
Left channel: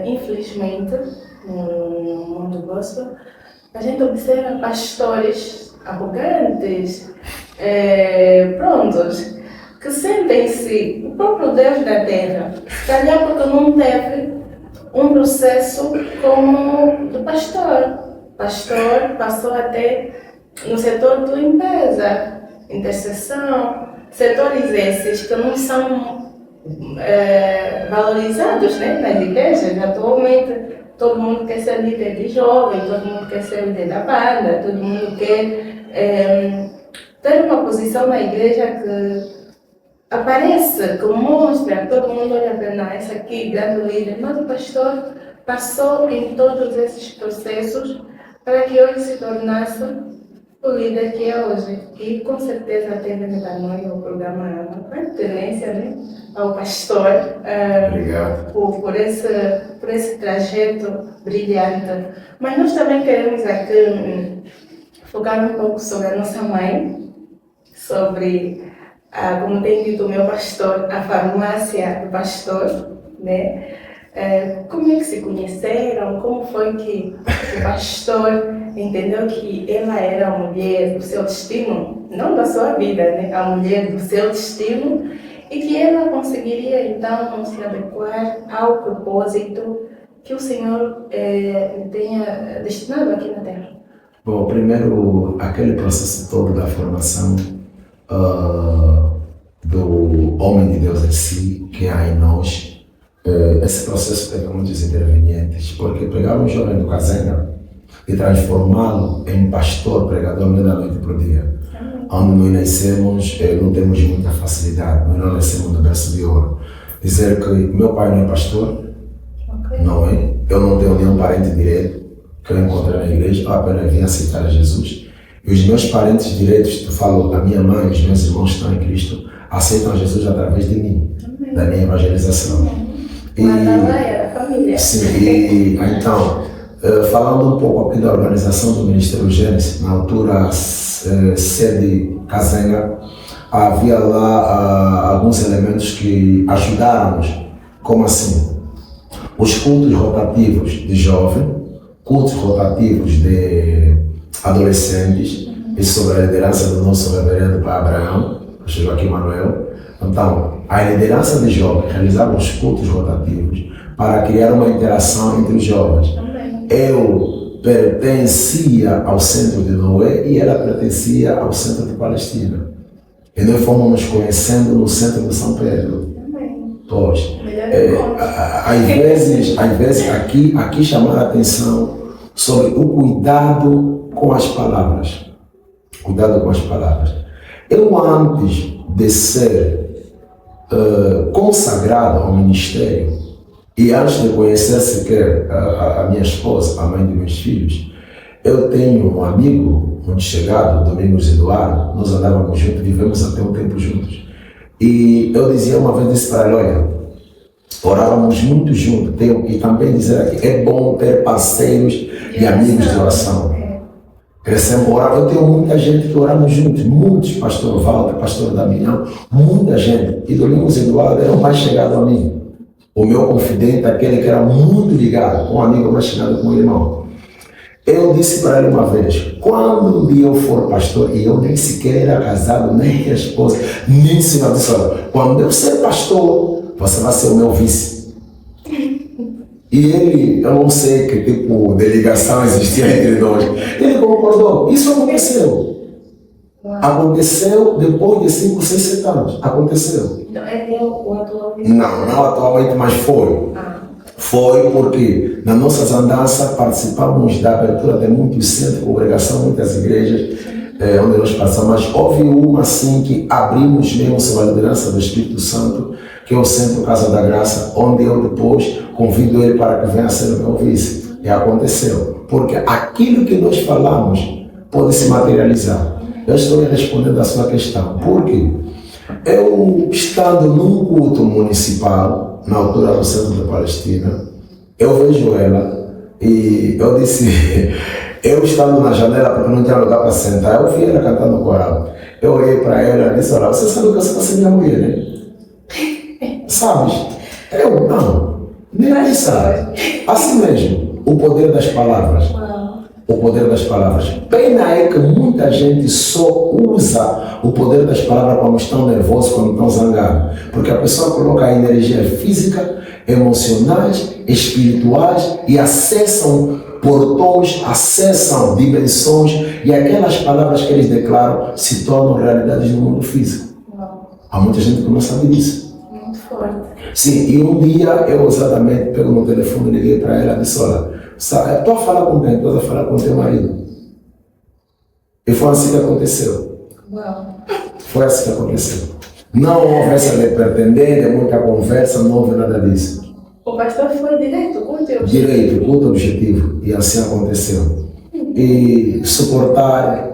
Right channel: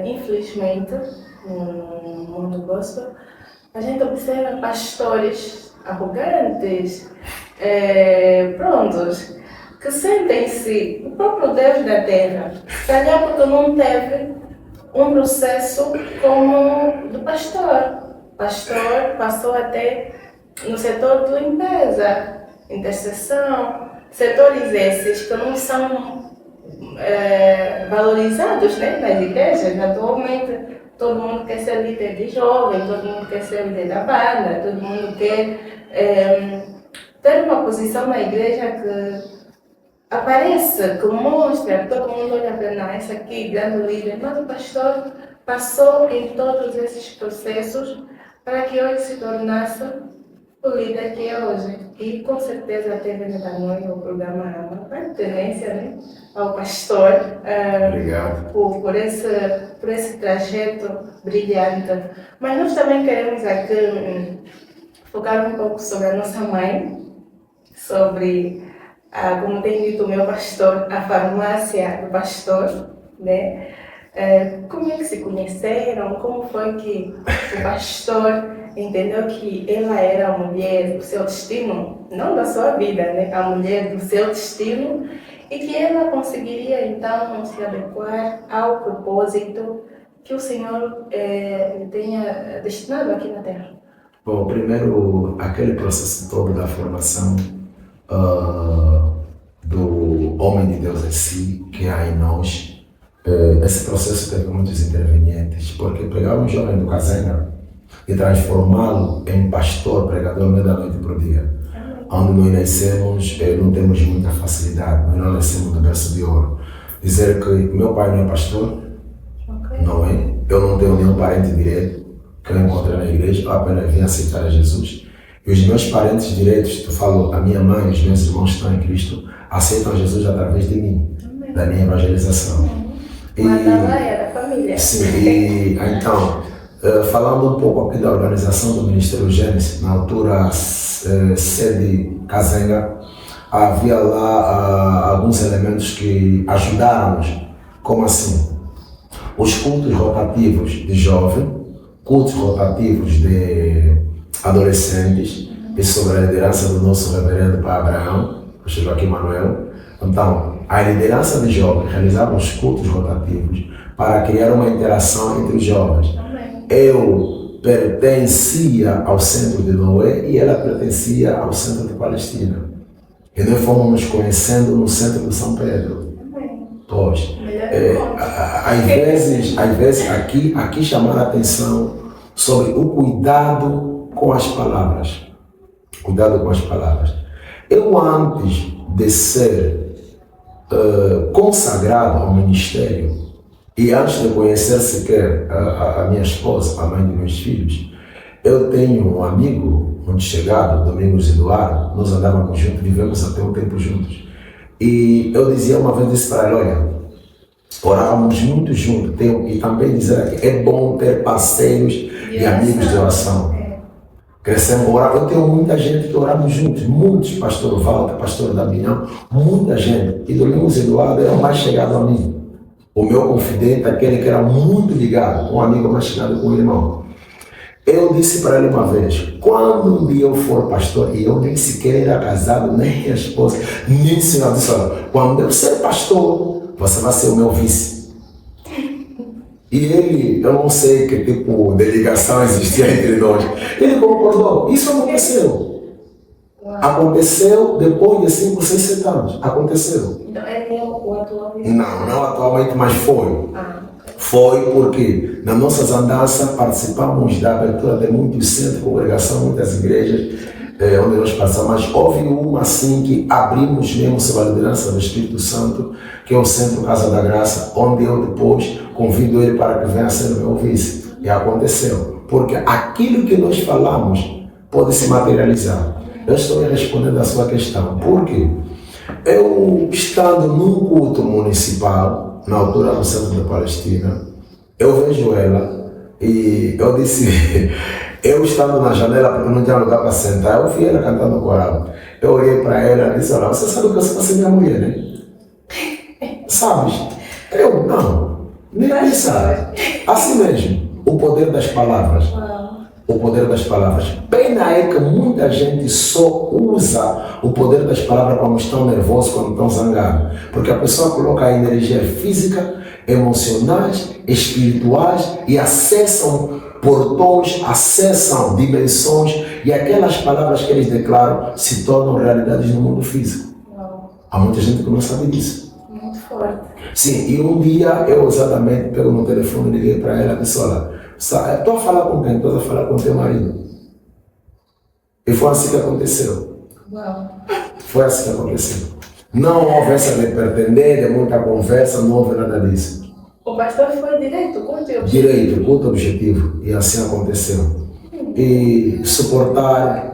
infelizmente, no mundo gospel, a gente observa pastores arrogantes, prontos, que sentem-se o próprio Deus da terra, se calhar porque não teve um processo como do pastor. O pastor passou até no setor de limpeza, intercessão, setores esses que não são valorizados, né, nas igrejas. Atualmente todo mundo quer ser líder de jovem, todo mundo quer ser líder da banda, todo mundo quer ter uma posição na igreja que aparece, que mostra, todo mundo olha para nós, essa aqui, grande líder, mas o pastor passou em todos esses processos para que hoje se tornasse o líder que é hoje. E com certeza teve da noite o programa uma pertenência, né, ao pastor, por esse trajeto brilhante. Mas nós também queremos aqui focar um pouco sobre a nossa mãe, sobre, como tem dito o meu pastor, a farmácia do pastor, né? Como é que se conheceram? Como foi que o pastor entendeu que ela era a mulher do seu destino, não da sua vida, né? A mulher do seu destino, e que ela conseguiria então se adequar ao propósito que o Senhor lhe tenha destinado aqui na Terra? Bom, primeiro, aquele processo todo da formação do homem de Deus em si, que há em nós, esse processo teve muitos intervenientes, porque pegar um jovem do Kazenga e transformá-lo em pastor, pregador, não é da noite para o dia. Onde nós nascemos, não temos muita facilidade, nós não nascemos do berço de ouro. Dizer que meu pai não é pastor, não é? Eu não tenho nenhum parente direito que eu encontrei na igreja, eu apenas vim aceitar Jesus. E os meus parentes direitos, tu falou, a minha mãe e os meus irmãos que estão em Cristo, aceitam Jesus através de mim, da minha evangelização. Sim, e então, falando um pouco aqui da organização do Ministério Gênesis, na altura sede Kazenga, havia lá alguns elementos que ajudaram-nos. Como assim? Os cultos rotativos de jovem, cultos rotativos de adolescentes, e sobre a liderança do nosso reverendo Pai Abraão, o Joaquim Manuel. Então, a liderança de jovens realizava os cultos rotativos para criar uma interação entre os jovens. Eu pertencia ao centro de Noé e ela pertencia ao centro de Palestina. E nós fomos nos conhecendo no centro de São Pedro. Pois, às vezes aqui chamar a atenção sobre o cuidado com as palavras. Cuidado com as palavras. Eu, antes de ser consagrado ao ministério e antes de conhecer sequer a minha esposa, a mãe de meus filhos, eu tenho um amigo muito chegado, Domingos Eduardo, nós andávamos juntos, vivemos até um tempo juntos. E eu dizia uma vez disse para ele, olha, orávamos muito juntos, e também dizer aqui, é bom ter parceiros e amigos de oração. Crescemos, eu tenho muita gente que oramos juntos, muitos, pastor Walter, pastor Damião, muita gente. E Domingos Eduardo era o mais chegado a mim. O meu confidente, aquele que era muito ligado, um amigo mais chegado com o irmão. Eu disse para ele uma vez, quando um dia eu for pastor, e eu nem sequer era casado, nem minha esposa, nem o Senhor disse, quando eu ser pastor, você vai ser o meu vice. E ele, eu não sei que tipo de ligação existia entre nós. Ele concordou. Isso aconteceu. Aconteceu depois de 5, 6, 7 anos. Aconteceu. Então é o atual? Não atualmente, mas foi. Foi porque nas nossas andanças participamos da abertura de muitos centros de congregação, muitas igrejas onde nós passamos. Mas houve uma assim que abrimos mesmo sob a liderança do Espírito Santo, que é o Centro Casa da Graça, onde eu depois convido ele para que venha ser meu vice. E aconteceu. Porque aquilo que nós falamos pode se materializar. Eu estou respondendo a sua questão. Por quê? Eu, estando num culto municipal, na altura do centro da Palestina, eu vejo ela e eu disse, eu estando na janela porque não tinha lugar para sentar, eu vi ela cantando no coral. Eu olhei para ela e disse, olha, você sabe que você vai ser minha mulher, né? Sabes? Eu não, nem sabe. Assim mesmo, o poder das palavras. O poder das palavras. Pena é que muita gente só usa o poder das palavras quando estão nervosos, quando estão zangados. Porque a pessoa coloca a energia física, emocionais, espirituais e acessam portões, acessam dimensões e aquelas palavras que eles declaram se tornam realidades no mundo físico. Há muita gente que não sabe disso. Muito forte. Sim, e um dia eu exatamente pego no telefone e liguei para ela e disse, olha, estou a falar com quem? Estou a falar com teu marido. E foi assim que aconteceu. Foi assim que aconteceu. Não houve essa de pretender, de muita conversa, não houve nada disso. O pastor foi direto, curto e objetivo. Direito, curto objetivo. E assim aconteceu. E suportar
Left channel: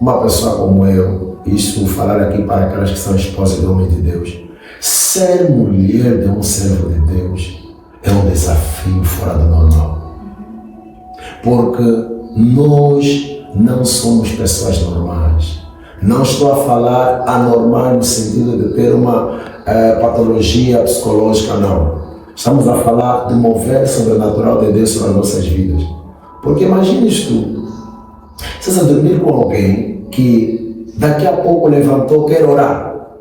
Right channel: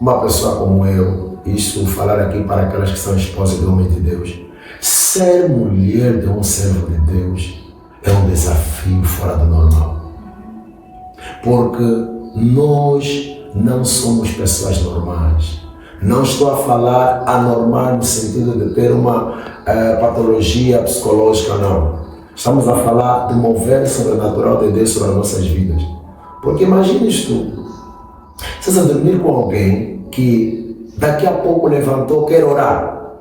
uma pessoa como eu, isso falar aqui para aquelas que são esposas do homem de Deus, ser mulher de um servo de Deus é um desafio fora do normal. Porque nós não somos pessoas normais. Não estou a falar anormal no sentido de ter uma patologia psicológica, não. Estamos a falar do mover sobrenatural de Deus sobre as nossas vidas. Porque imagines tu, você a dormir com alguém que daqui a pouco levantou, quer orar,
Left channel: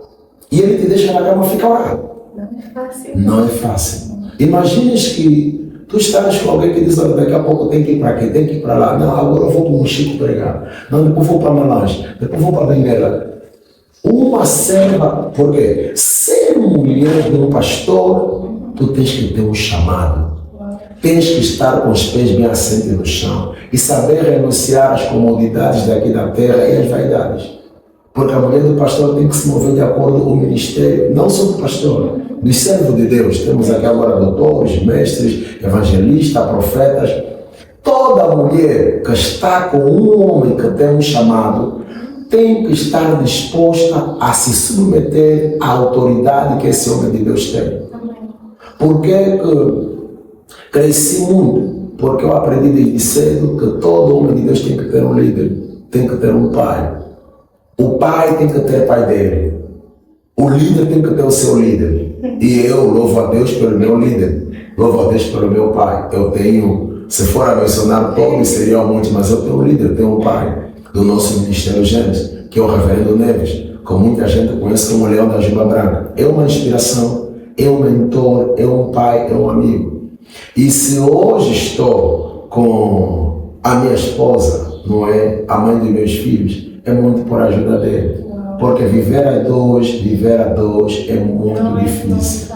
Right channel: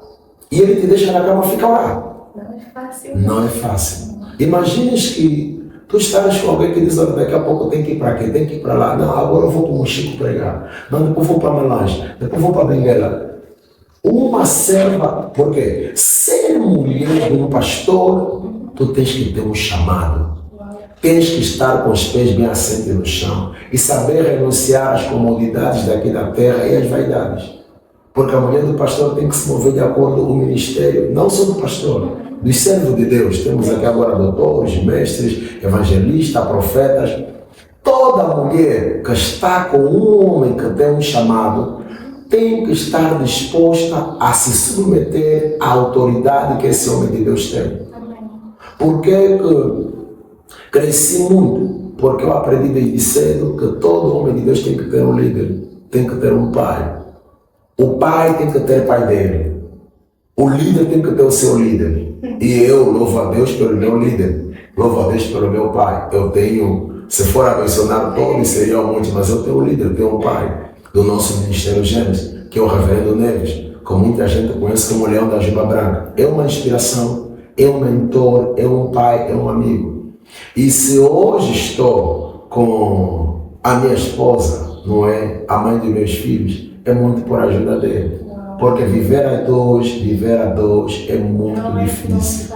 e ele te deixa na cama e fica orando. Não é fácil. Não é fácil. Imagines que tu estás com alguém que diz, olha, daqui a pouco tem que ir para aqui, tem que ir para lá. Não, agora eu vou para o Mochico pregar. Não, depois vou para Malange, depois vou para Benguela. Uma serva, porque ser mulher de um pastor, tu tens que ter um chamado. Tens que estar com os pés bem assentos no chão e saber renunciar às comodidades daqui da terra e às vaidades. Porque a mulher do pastor tem que se mover de acordo com o ministério, não só do pastor, dos servos de Deus. Temos aqui agora doutores, mestres, evangelistas, profetas. Toda mulher que está com um homem que tem um chamado tem que estar disposta a se submeter à autoridade que esse homem de Deus tem. Por que cresci muito? Porque eu aprendi desde cedo que todo homem de Deus tem que ter um líder, tem que ter um pai. O pai tem que ter o pai dele. O líder tem que ter o seu líder. E eu louvo a Deus pelo meu líder. Louvo a Deus pelo meu pai. Eu tenho, se for a mencionar todos, seriam muitos, mas eu tenho um líder, tenho um pai do nosso Ministério Gênesis, que é o Reverendo Neves, que muita gente conhece como o Leão da Juba Branca. É uma inspiração, é um mentor, é um pai, é um amigo. E se hoje estou com a minha esposa, não é? A mãe dos meus filhos, é muito por ajuda dele. Porque viver a dois é muito difícil.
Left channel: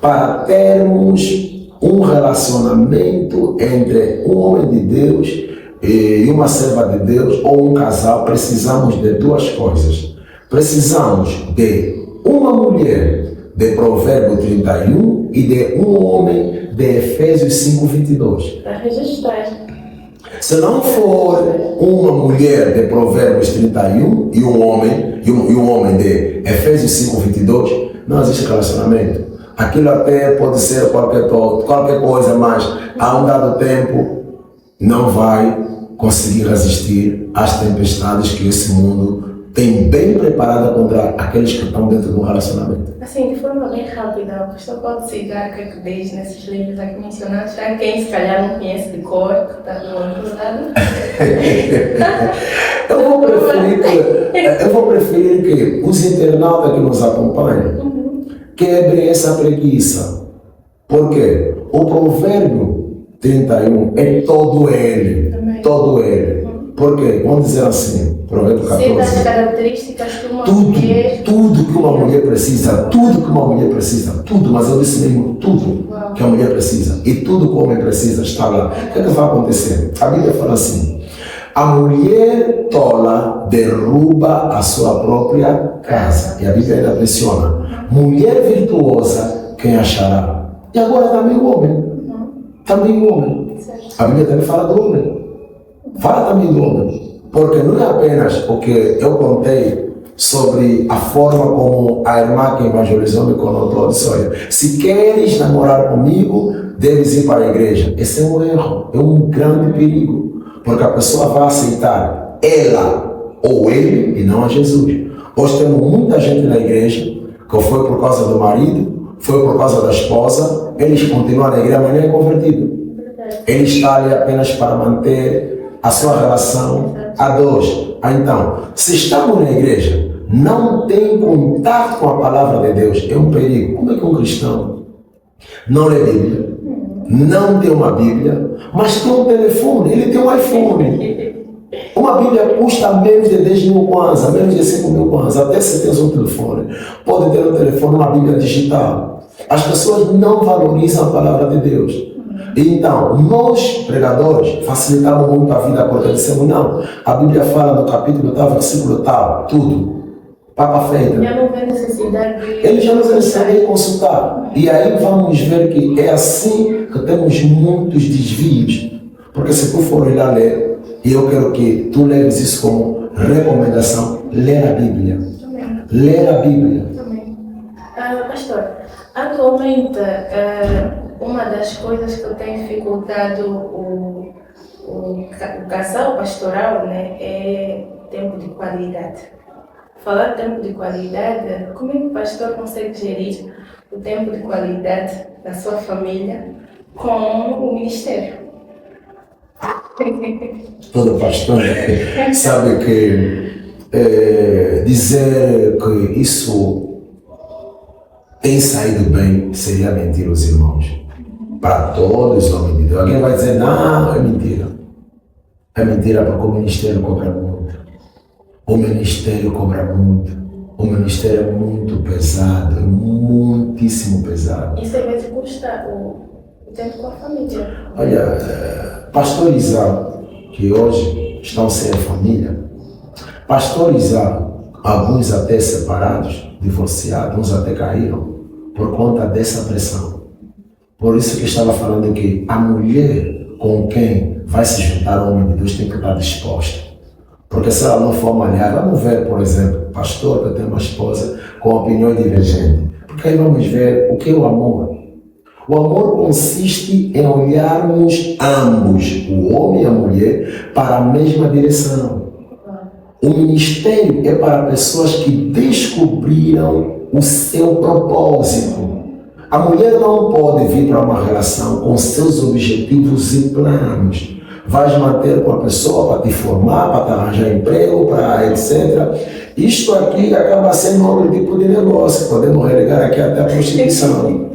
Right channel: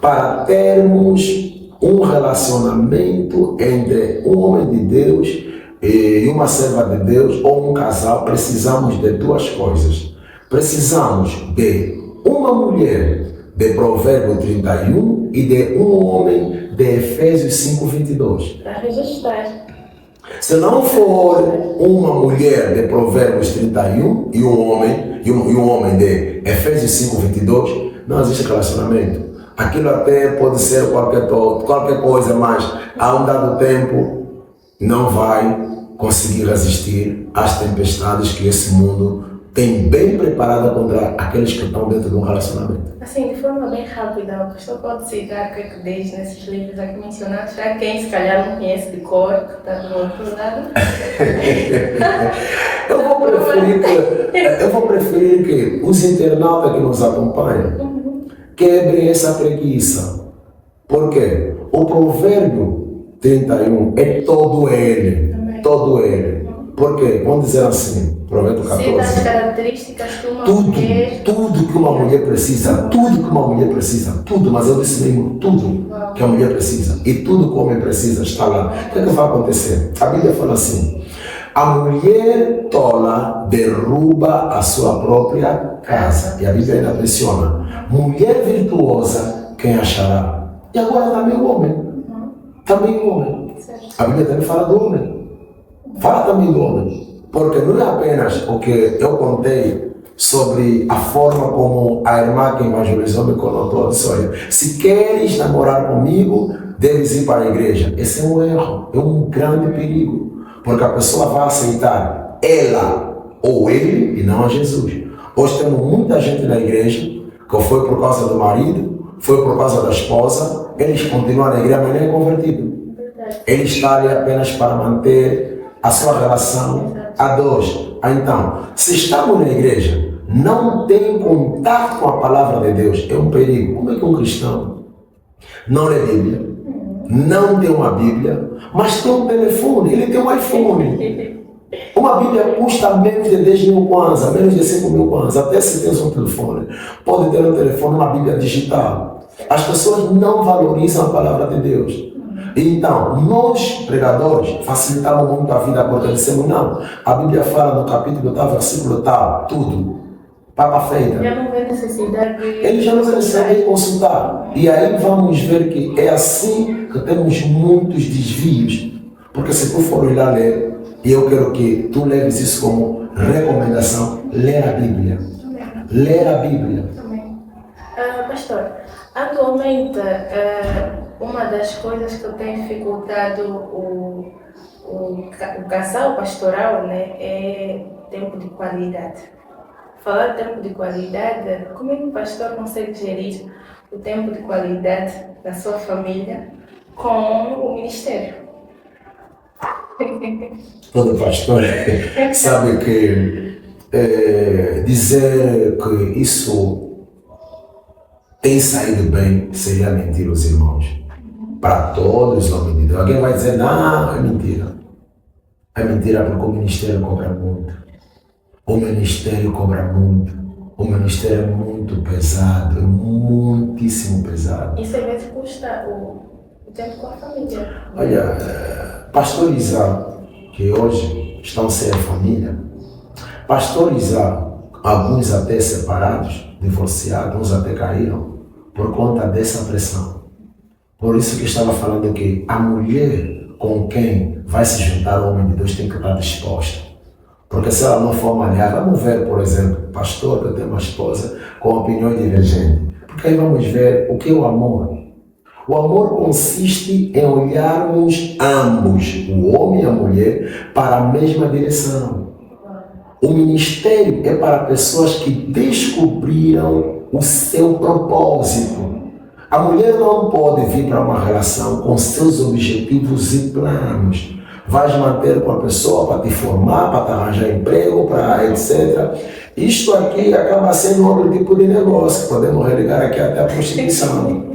Para termos um relacionamento entre um homem de Deus e uma serva de Deus ou um casal, precisamos de duas coisas. Precisamos de uma mulher de Provérbio 31 e de um homem de Efésios 5:22. Para registrar. Se não for uma mulher de Provérbios 31 e um homem de Efésios 5:22, não existe relacionamento. Aquilo até pode ser qualquer coisa, mas a um dado tempo não vai conseguir resistir às tempestades que esse mundo tem bem preparado contra aqueles que estão dentro de um relacionamento. Assim, de forma bem rápida, o pastor pode citar o que é que diz nesses livros aqui mencionados, já quem se calhar não conhece de cor, que está do outro lado. Eu vou preferir que os internautas que nos acompanham quebrem essa preguiça. Por quê? o provérbio 31 é todo ele. Todo ele. Por quê? Vamos dizer assim, provérbio 14. Sei das características que uma Tudo, mulher... tudo que uma mulher precisa, tudo que uma mulher precisa, tudo, mas eu disse mesmo tudo que a mulher precisa e tudo que o homem precisa está lá. O que é que vai acontecer? A Bíblia fala assim: a mulher tola derruba a sua própria casa. E a Bíblia ainda menciona: mulher virtuosa, quem achará? E agora também o homem. Também o homem. A Bíblia também fala do homem. Fala também do homem. Porque não é apenas o que eu contei sobre a forma como a irmã que evangelizou me contou. Disse: olha, se queres namorar comigo, deves ir para a igreja. Esse é um erro, é um grande perigo. Porque a pessoa vai aceitar ela ou ele e não a Jesus. Hoje temos muita gente na igreja que foi por causa do marido, foi por causa da esposa, eles continuam na igreja, mas nem é convertido. Ele está ali apenas para manter a sua relação a dois. Então, se estamos na igreja, não tem contato com a palavra de Deus, é um perigo. Como é que um cristão não lê Bíblia, não tem uma Bíblia, mas tem um telefone, ele tem um iPhone? Uma Bíblia custa menos de 10 mil kwanza, menos de 5 mil kwanza. Até se tem um telefone, pode ter um telefone, uma Bíblia digital. As pessoas não valorizam a palavra de Deus. Então, nós, pregadores, facilitamos muito a vida, porque dissemos: não, a Bíblia fala no capítulo tal, versículo tal, tudo. Papa feita. Já não vê necessidade de... Ele já não tem necessidade de consultar. E aí vamos ver que é assim que temos muitos desvios. Porque se tu for lá ler, e eu quero que tu leves isso como recomendação, ler a Bíblia. Ler a Bíblia. Pastor, atualmente, uma das coisas que tem dificultado o casal pastoral, né, é tempo de qualidade. Falar de tempo de qualidade, como é que o pastor consegue gerir o tempo de qualidade da sua família com o ministério? Todo pastor sabe que dizer que isso tem saído bem seria mentir os irmãos. Para todos os homens de Deus. Alguém vai dizer: não, é mentira. É mentira porque o ministério cobra muito. O ministério cobra muito. O ministério é muito pesado, é muitíssimo pesado. Isso às vezes custa o tempo com a família. Olha, pastorizar, que hoje estão sem a família, pastorizar, alguns até separados, divorciados, uns até caíram, por conta dessa pressão. Por isso que eu estava falando que a mulher com quem vai se juntar o homem de Deus tem que estar disposta. Porque se ela não for malhar, vamos ver, por exemplo, pastor que tem uma esposa com opiniões divergentes. Porque aí vamos ver o que é o amor. O amor consiste em olharmos ambos, o homem e a mulher, para a mesma direção. O ministério é para pessoas que descobriram o seu propósito. A mulher não pode vir para uma relação com seus objetivos e planos. Vais manter com a pessoa para te formar, para te arranjar emprego, para etc. Isto aqui acaba sendo outro tipo de negócio. Podemos religar aqui até a prostituição.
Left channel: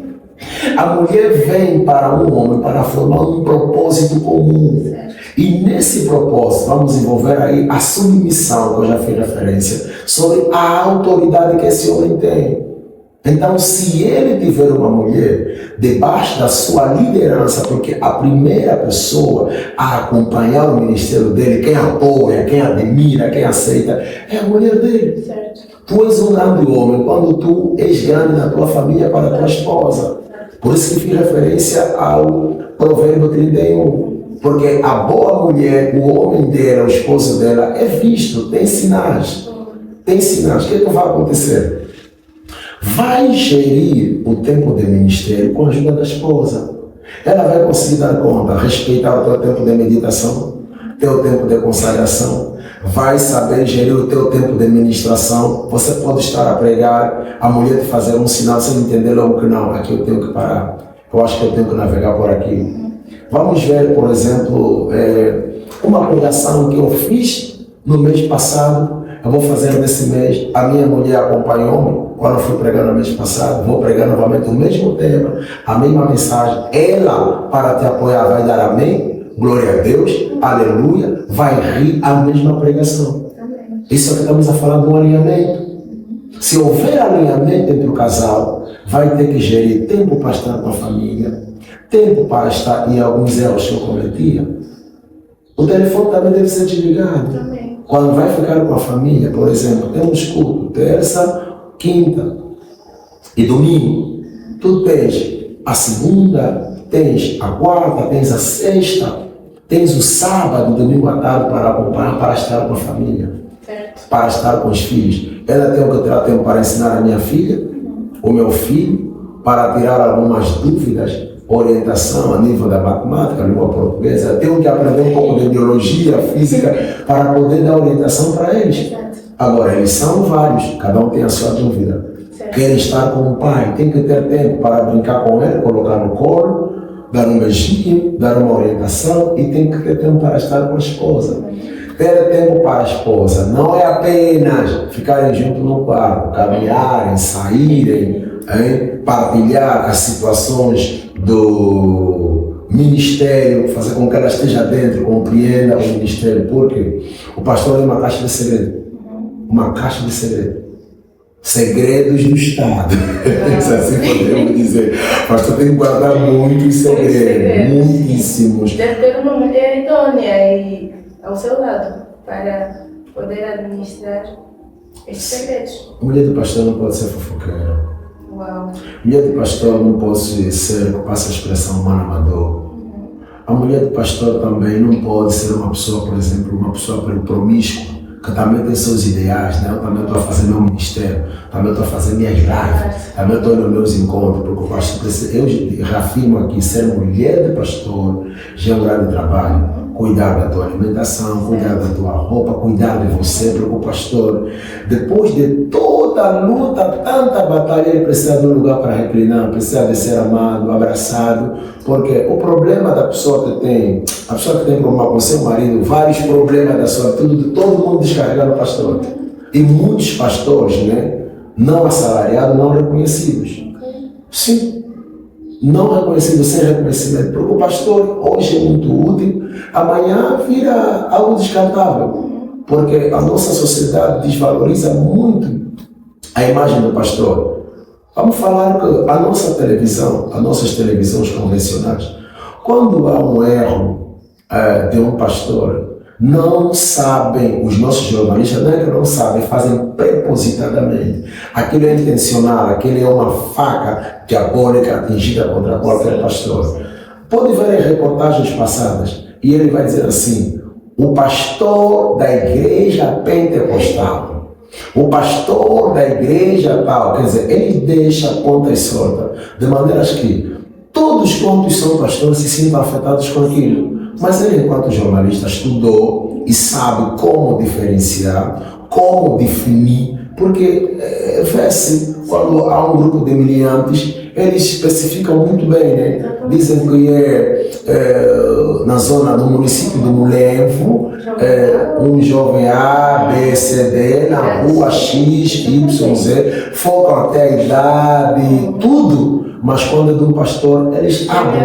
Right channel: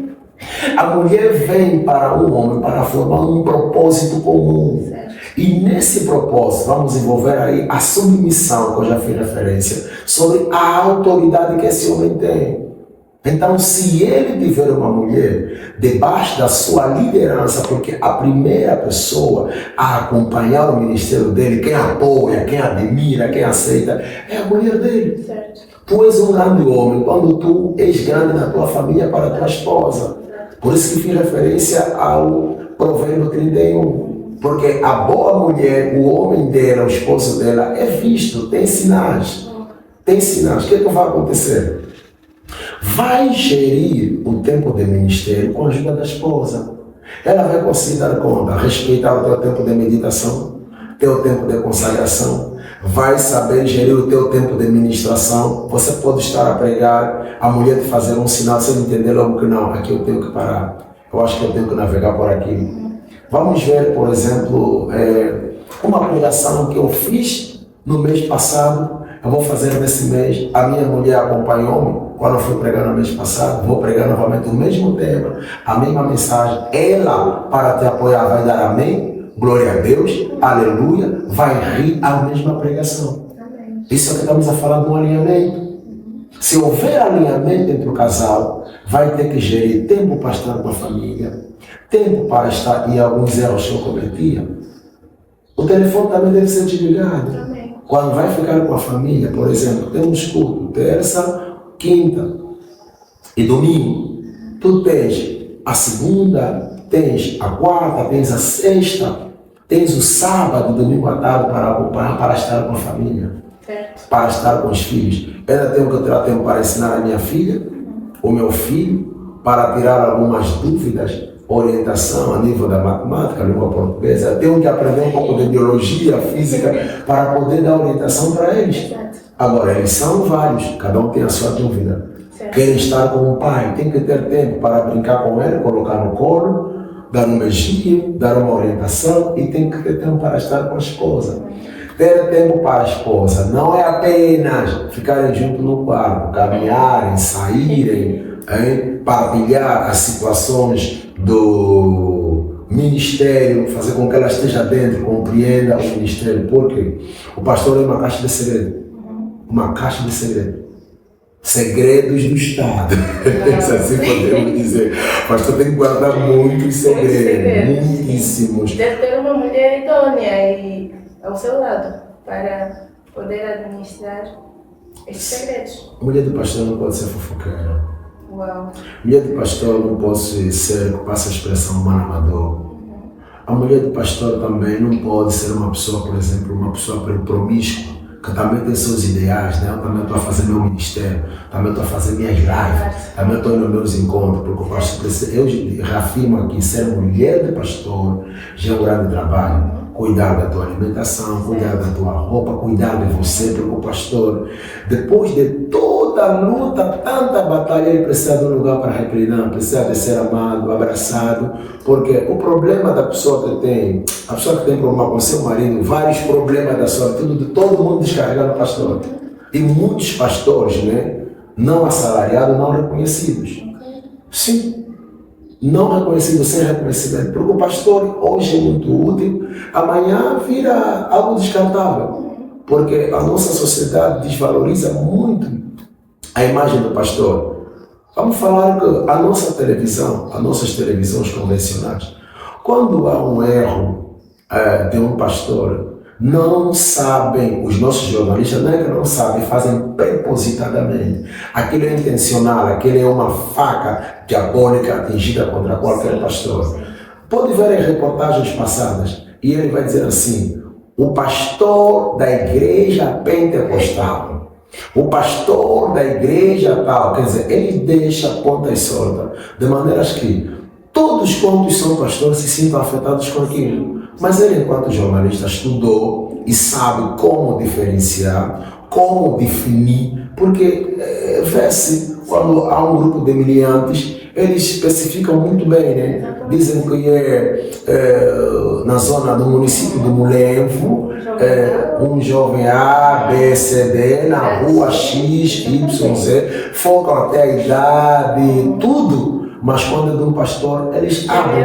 A mulher vem para um homem para formar um propósito comum. E nesse propósito vamos envolver aí a submissão, que eu já fiz referência, sobre a autoridade que esse homem tem. Então, se ele tiver uma mulher debaixo da sua liderança, porque a primeira pessoa a acompanhar o ministério dele, quem apoia, quem admira, quem aceita, é a mulher dele. Certo. Tu és um grande homem quando tu és grande na tua família para a tua esposa. Por isso que fiz referência ao Provérbio 31. Porque a boa mulher, o homem dela, o esposo dela, é visto, tem sinais. Tem sinais. O que é que vai acontecer? Vai gerir o tempo de ministério com a ajuda da esposa. Ela vai conseguir dar conta, respeitar o teu tempo de meditação, teu tempo de consagração, vai saber gerir o teu tempo de ministração. Você pode estar a pregar, a mulher te fazer um sinal sem entender logo que não, aqui eu tenho que parar, eu acho que eu tenho que navegar por aqui. Vamos ver, por exemplo, uma pregação que eu fiz no mês passado. Eu vou fazer nesse mês. A minha mulher acompanhou-me Quando eu fui pregar no mês passado, vou pregar novamente o mesmo tema, a mesma mensagem. Ela, para te apoiar, vai dar amém, glória a Deus, aleluia, vai rir a mesma pregação. Isso é que estamos a falar de um alinhamento. Se houver alinhamento entre o casal, vai ter que gerir tempo para estar com a família, tempo para estar em alguns erros que eu cometia. O telefone também deve ser desligado. Quando vai ficar com a família, por exemplo, temos culto terça, quinta e domingo. Tu tens a segunda, tens a quarta, tens a sexta, tens o sábado, domingo à tarde para acompanhar, para estar com a família, para estar com os filhos. Eu ainda tenho que tirar tempo para ensinar a minha filha, o meu filho, para tirar algumas dúvidas, orientação a nível da matemática, língua portuguesa. Eu tenho que aprender um pouco de biologia, física, para poder dar orientação para eles. Agora, eles são vários, cada um tem a sua dúvida. Querem estar com o pai, tem que ter tempo para brincar com ele, colocar no colo, dar um beijinho, dar uma orientação, e tem que ter tempo para estar com a esposa. Ter tempo para a esposa não é apenas ficarem juntos no quarto, caminharem, saírem, partilhar as situações do ministério, fazer com que ela esteja dentro, compreenda o ministério. Porque o pastor é uma caixa de segredo. Uma caixa de segredo. Segredos do Estado. Se assim podemos dizer. O pastor tem que guardar muitos segredos, muitíssimos. Deve ter uma mulher idônea e ao seu lado para poder administrar estes segredos. A mulher do pastor não pode ser fofoqueira. Uau. A mulher do pastor não pode ser, passa a expressão, humano amador. A mulher do pastor também não pode ser uma pessoa, por exemplo, uma pessoa promíscua, que também tem seus ideais, né? Eu também estou a fazer meu ministério, também estou a fazer minhas lives, também estou nos meus encontros, porque o pastor, eu reafirmo aqui, ser mulher do pastor já é um grande trabalho. Cuidar da tua alimentação, cuidar da tua roupa, cuidar de você, porque o pastor, depois de toda a luta, tanta batalha, ele precisa de um lugar para reclinar, precisa de ser amado, abraçado, porque o problema da pessoa que tem, a pessoa que tem problema com seu marido, vários problemas da sua vida, todo mundo descarrega no pastor. E muitos pastores, né, não assalariados, não reconhecidos. Sim. Não reconhecido, sem reconhecimento, porque o pastor hoje é muito útil, amanhã vira algo descartável, porque a nossa sociedade desvaloriza muito a imagem do pastor. Vamos falar que a nossa televisão, as nossas televisões convencionais, quando há um erro de um pastor, não sabem, os nossos jornalistas não é que não sabem, fazem propositadamente. Aquilo é intencional, aquilo é uma faca diabólica atingida contra qualquer pastor. Pode ver as reportagens passadas e ele vai dizer assim: o pastor da igreja pentecostal, o pastor da igreja tal, quer dizer, ele deixa pontas soltas, de maneiras que todos quantos são pastores se sintam afetados com aquilo. Mas ele, enquanto jornalista, estudou e sabe como diferenciar, como definir, porque vê-se, quando há um grupo de miliantes, eles especificam muito bem, né? Dizem que na zona do município do Mulevo, um jovem A, B, C, D, na rua X, Y, Z, focam até a idade, tudo, mas quando é de um pastor, eles abrem.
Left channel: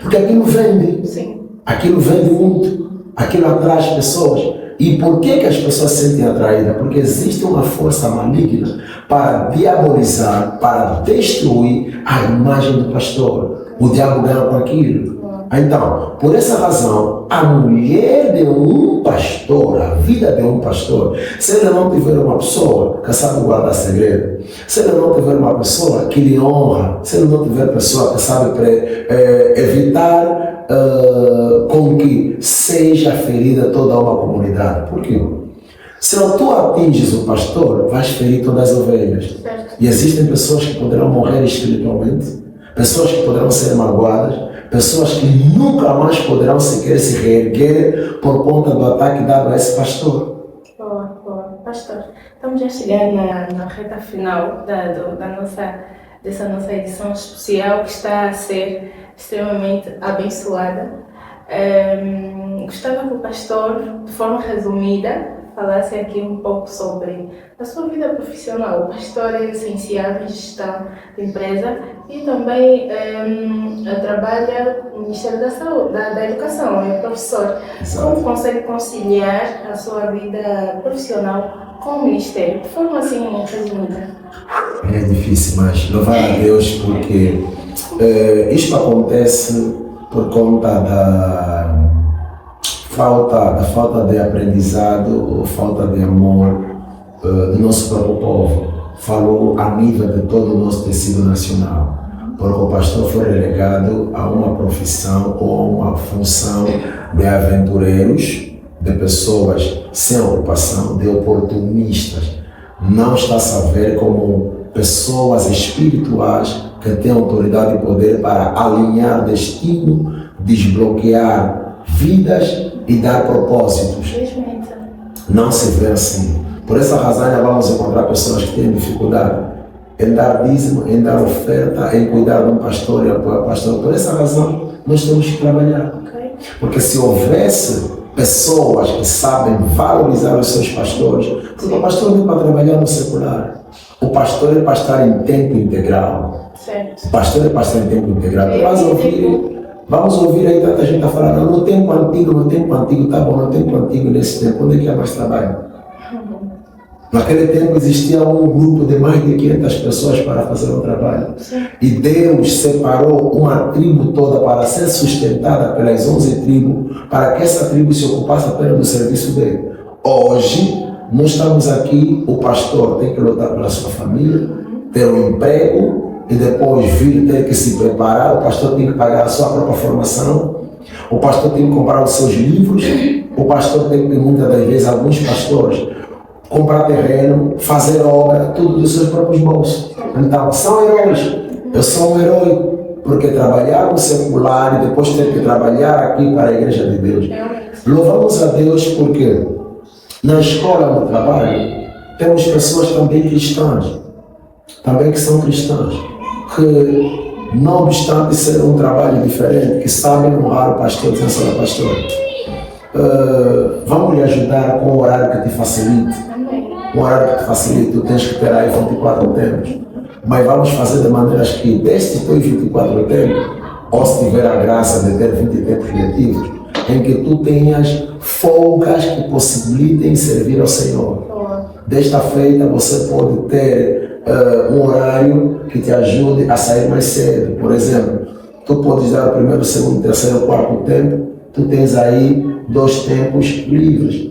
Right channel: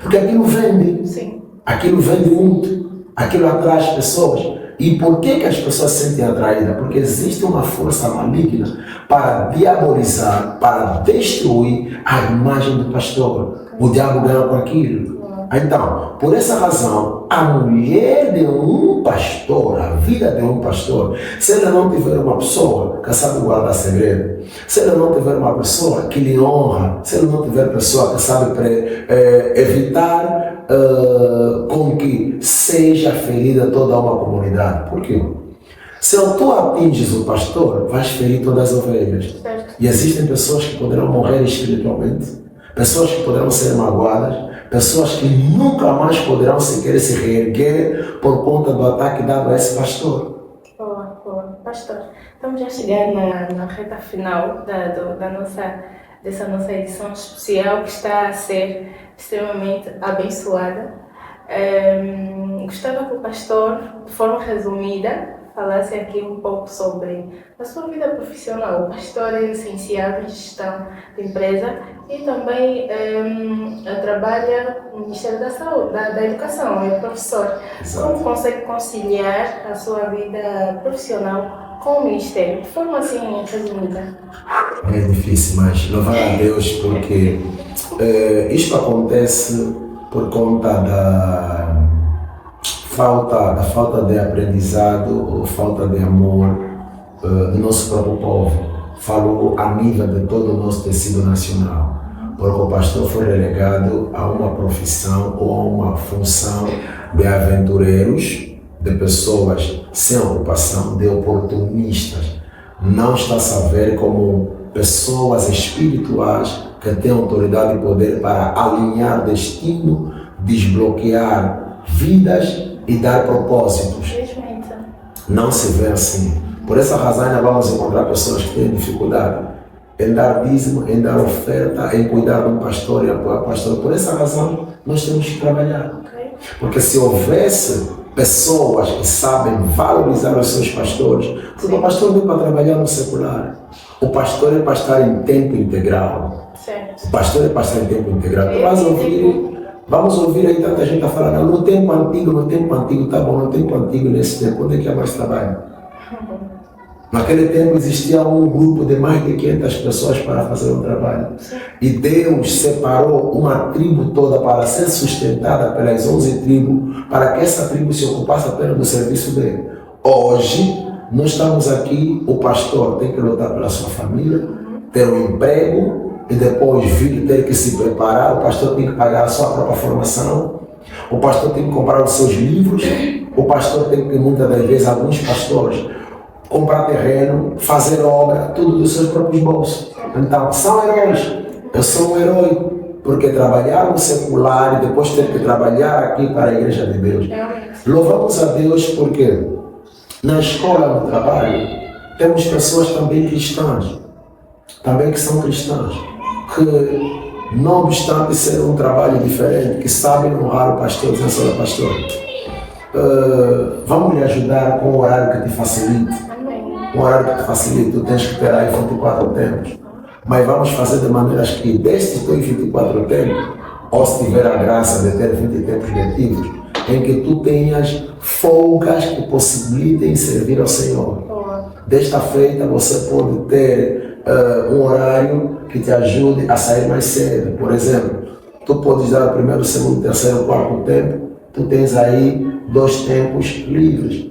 Porque aquilo vende. Sim. Aquilo vende muito, aquilo atrai as pessoas. E por que as pessoas se sentem atraídas? Porque existe uma força maligna para diabolizar, para destruir a imagem do pastor. O diabo ganha com aquilo. Então, por essa razão, a mulher de um pastor, a vida de um pastor, se ele não tiver uma pessoa que sabe guardar segredo, se ele não tiver uma pessoa que lhe honra, se ele não tiver pessoa que sabe evitar com que seja ferida toda uma comunidade. Por quê? Se tu atinges o pastor, vais ferir todas as ovelhas. E existem pessoas que poderão morrer espiritualmente, pessoas que poderão ser magoadas, pessoas que nunca mais poderão sequer se reerguer por conta do ataque dado a esse pastor. Boa. Pastor, estamos já chegando na reta final dessa nossa edição especial, que está a ser extremamente abençoada. Gostava que o pastor, de forma resumida, falasse aqui um pouco sobre a sua vida profissional. O pastor é licenciado em gestão de empresa e também trabalha no Ministério da Saúde, da Educação, é professor. Exato. Como consegue conciliar a sua vida profissional com o Ministério? De forma assim resumida. É difícil, mas louvar a Deus porque isto acontece por conta da falta de aprendizado ou falta de amor do nosso próprio povo. Falou a nível de todo o nosso tecido nacional, porque o pastor foi relegado a uma profissão ou a uma função de aventureiros, de pessoas sem ocupação, de oportunistas. Não está-se a ver como pessoas espirituais que têm autoridade e poder para alinhar destino, desbloquear vidas e dar propósitos. Não se vê assim. Por essa razão ainda vamos encontrar pessoas que têm dificuldade em dar dízimo, em dar oferta, em cuidar de um pastor e apoiar o pastor. Por essa razão nós temos que trabalhar. Porque se houvesse pessoas que sabem valorizar os seus pastores, porque o pastor não é para trabalhar no secular. O pastor é para estar em tempo integral. Certo. O pastor é para estar em tempo integral. Vamos ouvir aí tanta gente a falar, não, no tempo antigo, tá bom, no tempo antigo, nesse tempo, onde é que há mais trabalho? Naquele tempo existia um grupo de mais de 500 pessoas para fazer um trabalho. Sim. E Deus separou uma tribo toda para ser sustentada pelas 11 tribos, para que essa tribo se ocupasse apenas do serviço dele. Hoje, nós estamos aqui, o pastor tem que lutar pela sua família, ter um emprego, e depois vir ter que se preparar, o pastor tem que pagar a sua própria formação, o pastor tem que comprar os seus livros, o pastor tem que, muitas das vezes, alguns pastores, comprar terreno, fazer obra, tudo dos seus próprios bolsos. Então, são heróis. Eu sou um herói, porque trabalhar no secular e depois ter que trabalhar aqui para a Igreja de Deus. Louvamos a Deus porque na escola, no trabalho, temos pessoas também cristãs, também que são cristãs, que, não obstante ser um trabalho diferente, que sabem honrar o pastor, dizendo, senhor pastor, vamos lhe ajudar com um horário que te facilite. Um horário que te facilite, tu tens que ter aí 24 tempos. Mas vamos fazer de maneiras que, destes teus 24 tempos, ou se tiver a graça de ter 20 tempos letivos, em que tu tenhas folgas que possibilitem servir ao Senhor. Desta feita, você pode ter um horário que te ajude a sair mais cedo. Por exemplo, tu podes dar o primeiro, segundo, terceiro, quarto tempo, tu tens aí 2 tempos livres.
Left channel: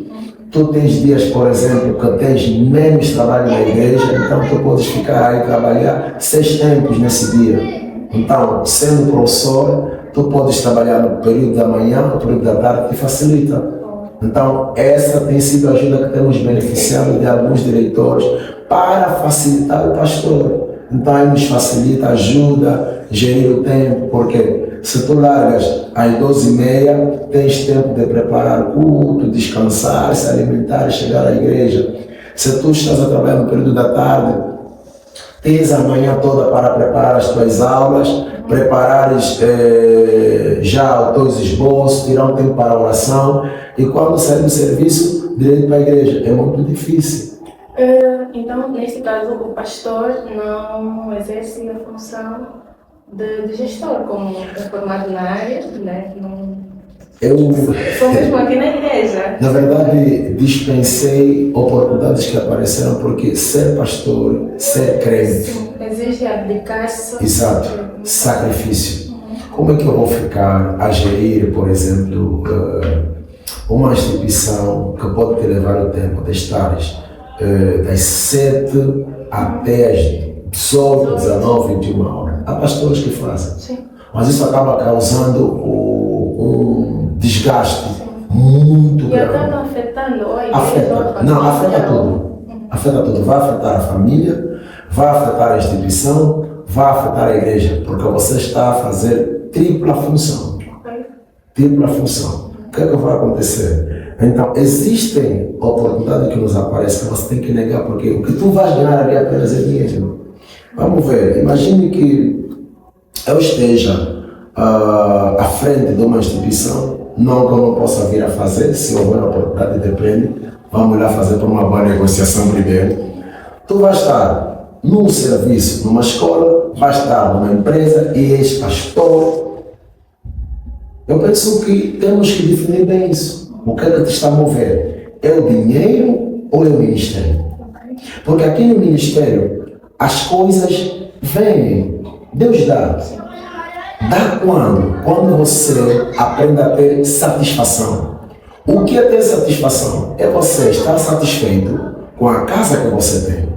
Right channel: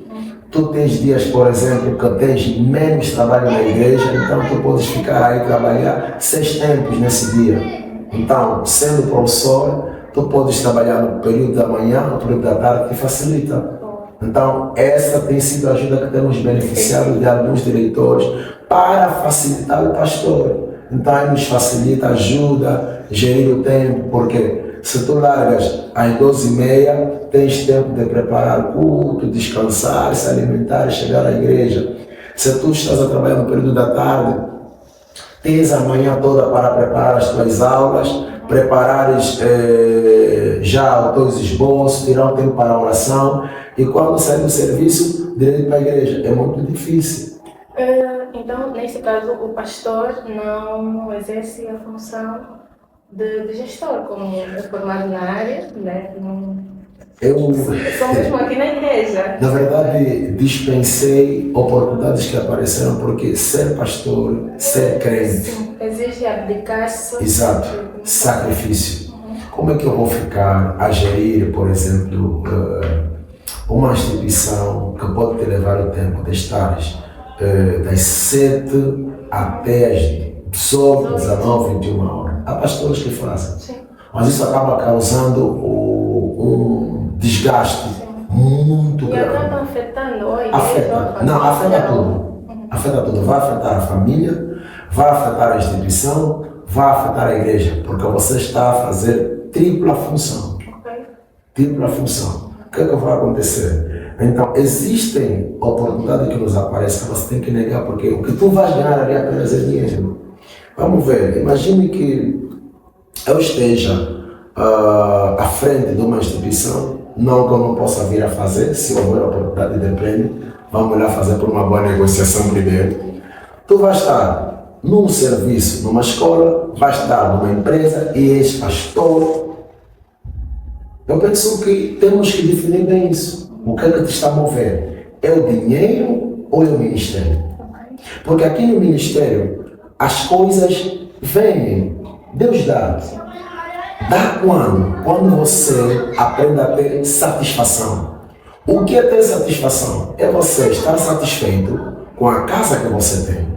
Tu tens dias, por exemplo, que tens menos trabalho na igreja, então tu podes ficar aí trabalhar 6 tempos nesse dia. Então, sendo professor, tu podes trabalhar no período da manhã, no período da tarde, te facilita. Então, essa tem sido a ajuda que temos beneficiado de alguns diretores para facilitar o pastor. Então, ele nos facilita, ajuda a gerir o tempo, porque se tu largas às 12h30, tens tempo de preparar o culto, descansar, se alimentar e chegar à igreja. Se tu estás a trabalhar no período da tarde, tens a manhã toda para preparar as tuas aulas, preparares já os teus esboços, tirar um tempo para a oração, e quando sair do serviço, direto para a igreja. É muito difícil. Então, neste caso, o pastor não exerce a função de gestor, como é formado na área, né? Sou mesmo aqui na igreja. Na verdade, dispensei oportunidades que apareceram, porque ser pastor, ser crente, sim, exige abdicar-se. Exato, sacrifício. Como é que eu vou ficar a gerir, por exemplo, uma instituição que pode te levar o tempo de estares das 7 até as 18, 19, 21 horas? Há pastores que fazem. Sim. Mas isso acaba causando um desgaste muito grande. E acaba afetando a igreja. Afeta tudo. Afeta tudo. Vai afetar a família, vai afetar a instituição, vai afetar a igreja, porque você está a fazer tripla função. Tripla função. O que é que vai acontecer? Então, existem oportunidades que nos aparecem, que você tem que negar, porque o que tu vais ganhar é apenas dinheiro. Vamos ver, imagine que eu esteja à frente de uma instituição, não que eu não possa vir a fazer, se houver oportunidade, depende, vamos lá fazer por uma boa negociação primeiro. Tu vais estar num serviço, numa escola, vais estar numa empresa e és pastor. Eu penso que temos que definir bem isso. O que é que te está a mover? É o dinheiro ou é o ministério? Porque aqui no ministério as coisas vêm, Deus dá. Dá quando? Quando você aprende a ter satisfação. O que é ter satisfação? É você estar satisfeito com a casa que você tem,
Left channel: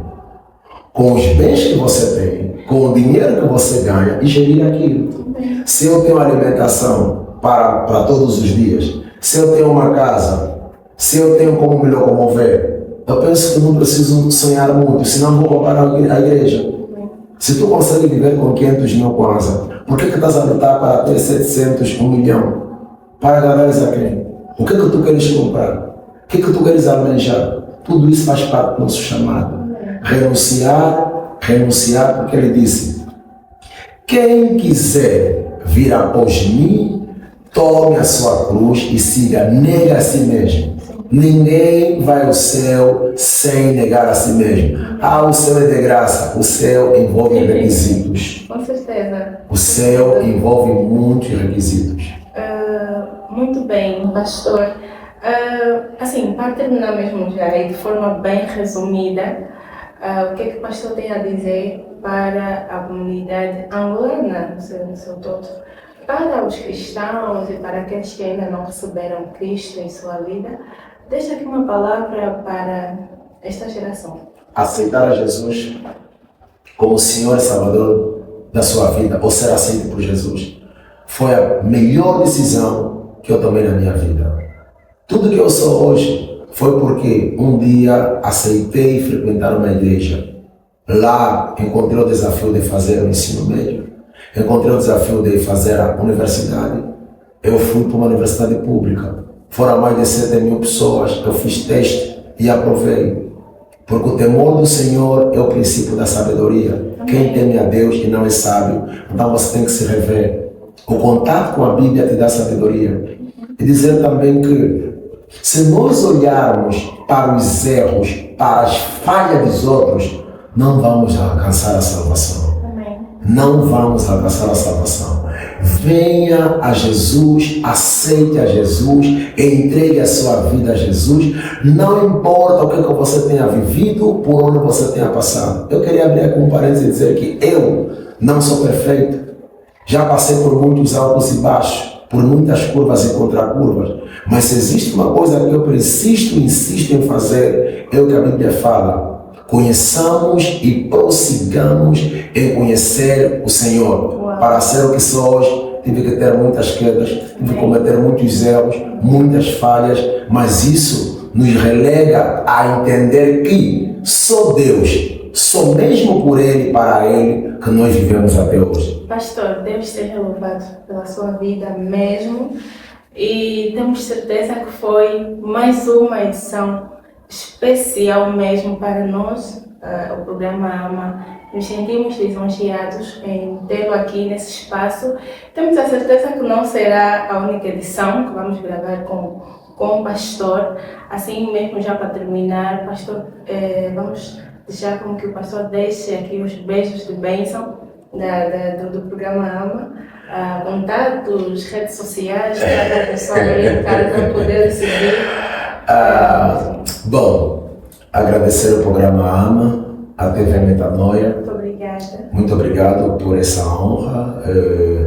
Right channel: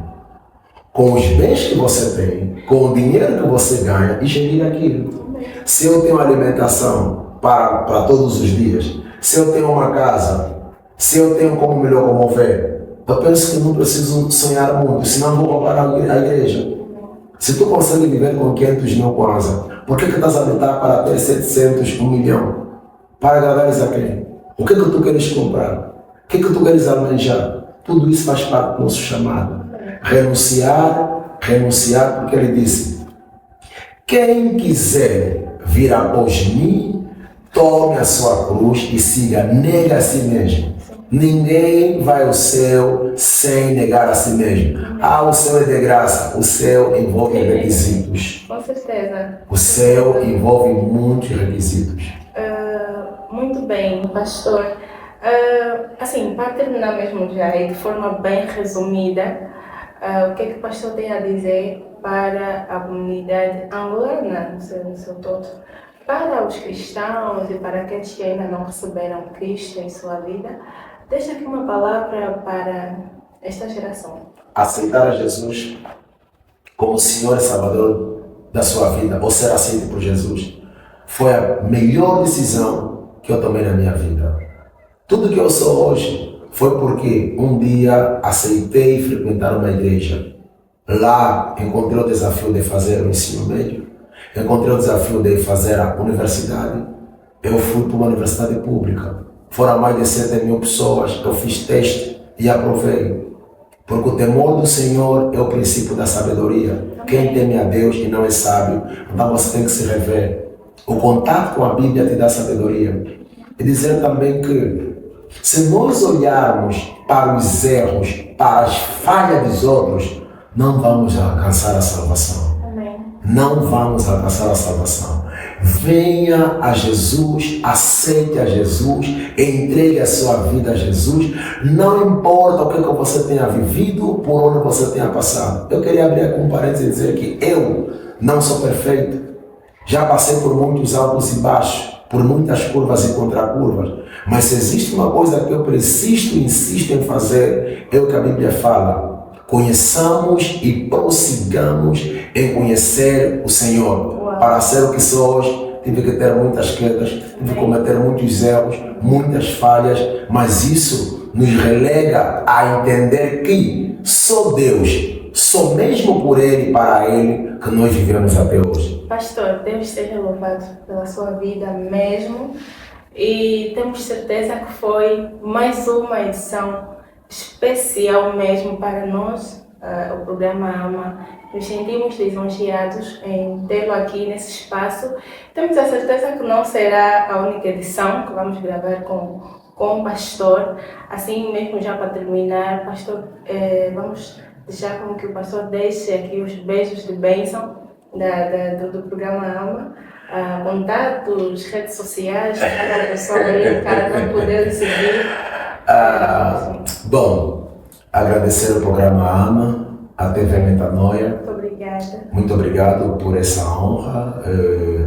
com os bens que você tem, com o dinheiro que você ganha e gerir aquilo. Se eu tenho alimentação para todos os dias, se eu tenho uma casa, se eu tenho como me locomover, eu penso que não preciso sonhar muito, senão vou comparar a igreja. Se tu consegue viver com 500 mil kwanza, por que estás a lutar para ter 700, 1 milhão? Para agradares a quem? O que tu queres comprar? O que tu queres almejar? Tudo isso faz parte do nosso chamado. Renunciar, porque ele disse: quem quiser vir após mim, tome a sua cruz e siga, nega a si mesmo. Ninguém vai ao céu sem negar a si mesmo. O céu é de graça, o céu envolve requisitos. Com certeza. O céu envolve muitos requisitos. Muito bem, pastor. Assim, para terminar mesmo já, e de forma bem resumida, o que é que o pastor tem a dizer para a comunidade angolana, no seu todo? Para os cristãos e para aqueles que ainda não receberam Cristo em sua vida, deixa aqui uma palavra para esta geração. Aceitar a Jesus como Senhor e Salvador da sua vida, ou ser aceito por Jesus, foi a melhor decisão que eu tomei na minha vida. Tudo que eu sou hoje foi porque um dia aceitei frequentar uma igreja. Lá encontrei o desafio de fazer o ensino médio, encontrei o desafio de fazer a universidade. Eu fui para uma universidade pública. Foram mais de 7 mil pessoas. Eu fiz teste e aprovei. Porque o temor do Senhor é o princípio da sabedoria. Quem teme a Deus e não é sábio, então você tem que se rever. O contato com a Bíblia te dá sabedoria. E dizer também que se nós olharmos para os erros, para as falhas dos outros, não vamos alcançar a salvação. Amém. Não vamos alcançar a salvação. Venha a Jesus, aceite a Jesus, entregue a sua vida a Jesus. Não importa o que você tenha vivido, por onde você tenha passado. Eu queria abrir aqui um parênteses e dizer que eu não sou perfeito. Já passei por muitos altos e baixos, por muitas curvas e contracurvas. Mas se existe uma coisa que eu persisto e insisto em fazer, é o que a Bíblia fala. Conheçamos e prossigamos em conhecer o Senhor. Uau. Para ser o que sou hoje, tive que ter muitas quedas, tive que cometer muitos erros, muitas falhas, mas isso nos relega a entender que só Deus, só mesmo por Ele e para Ele, que nós vivemos até hoje. Pastor, Deus seja louvado pela sua vida mesmo. E temos certeza que foi mais uma edição especial mesmo para nós, o programa AMA. Nos sentimos lisonjeados em tê-lo aqui nesse espaço. Temos a certeza que não será a única edição que vamos gravar com o pastor. Assim mesmo, já para terminar, pastor, vamos deixar com que o pastor deixe aqui os beijos de bênção do programa AMA. Contatos, redes sociais, para a pessoa brincar, para poder seguir. Bom, agradecer o programa AMA, a TV Metanoia. Muito obrigada. Muito obrigado por essa honra.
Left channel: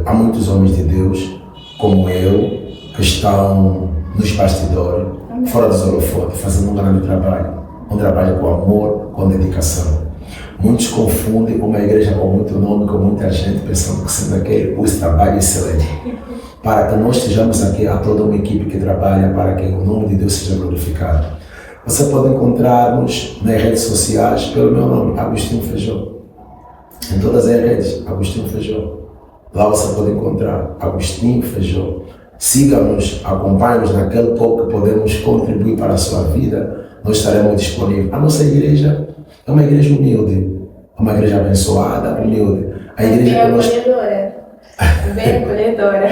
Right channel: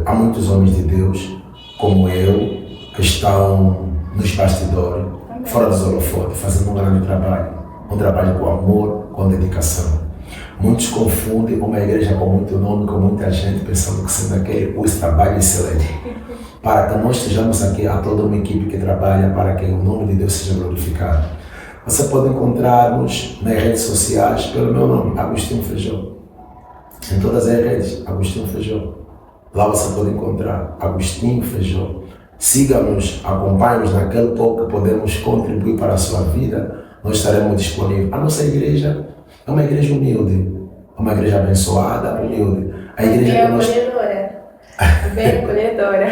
Há muitos homens de Deus, como eu, que estão nos bastidores, Amém. Fora dos holofotes, fazendo um grande trabalho. Um trabalho com amor, com dedicação. Muitos confundem uma igreja com muito nome, com muita gente, pensando que sempre aquele esse trabalho excelente. Para que nós estejamos aqui, há toda uma equipe que trabalha para que o nome de Deus seja glorificado. Você pode encontrar-nos nas redes sociais pelo meu nome, Agostinho Feijó. Em todas as redes, Agostinho Feijó. Lá você pode encontrar Agostinho Feijó. Siga-nos, acompanhe-nos naquele pouco que podemos contribuir para a sua vida. Nós estaremos disponíveis. A nossa igreja é uma igreja humilde, uma igreja abençoada, humilde. A igreja que nós... Bem acolhedora.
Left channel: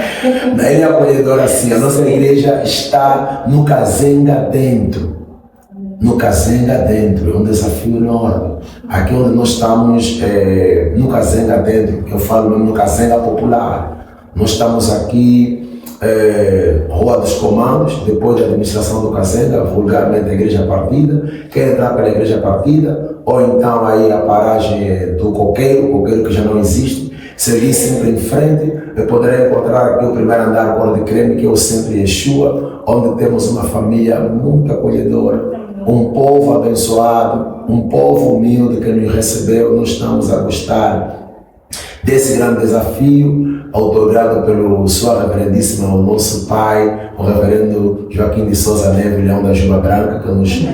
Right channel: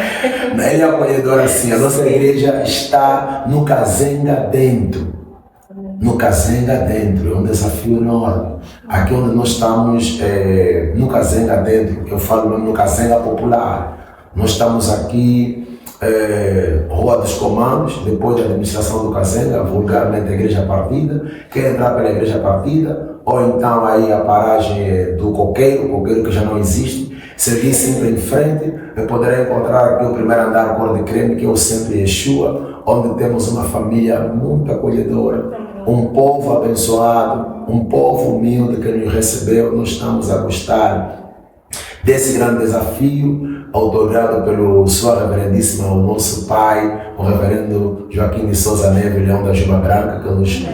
Bem acolhedora, sim. A nossa igreja está no Kazenga dentro. no Kazenga dentro, é um desafio enorme. Aqui onde nós estamos, no Kazenga dentro, eu falo mesmo no Kazenga popular, nós estamos aqui, Rua dos Comandos, depois da administração do Kazenga, vulgarmente a Igreja Partida. Quer entrar pela Igreja Partida, ou então aí a paragem do Coqueiro que já não existe, seguir sempre em frente, eu poderei encontrar aqui o primeiro andar Cor de Creme, que é o Sempre Yeshua, onde temos uma família muito acolhedora, um povo abençoado, um povo humilde que nos recebeu. Nós estamos a gostar desse grande desafio, autogrado pelo Sua Reverendíssima, o nosso pai, o Reverendo Joaquim de Souza Neves, Leão da Juba Branca, que nos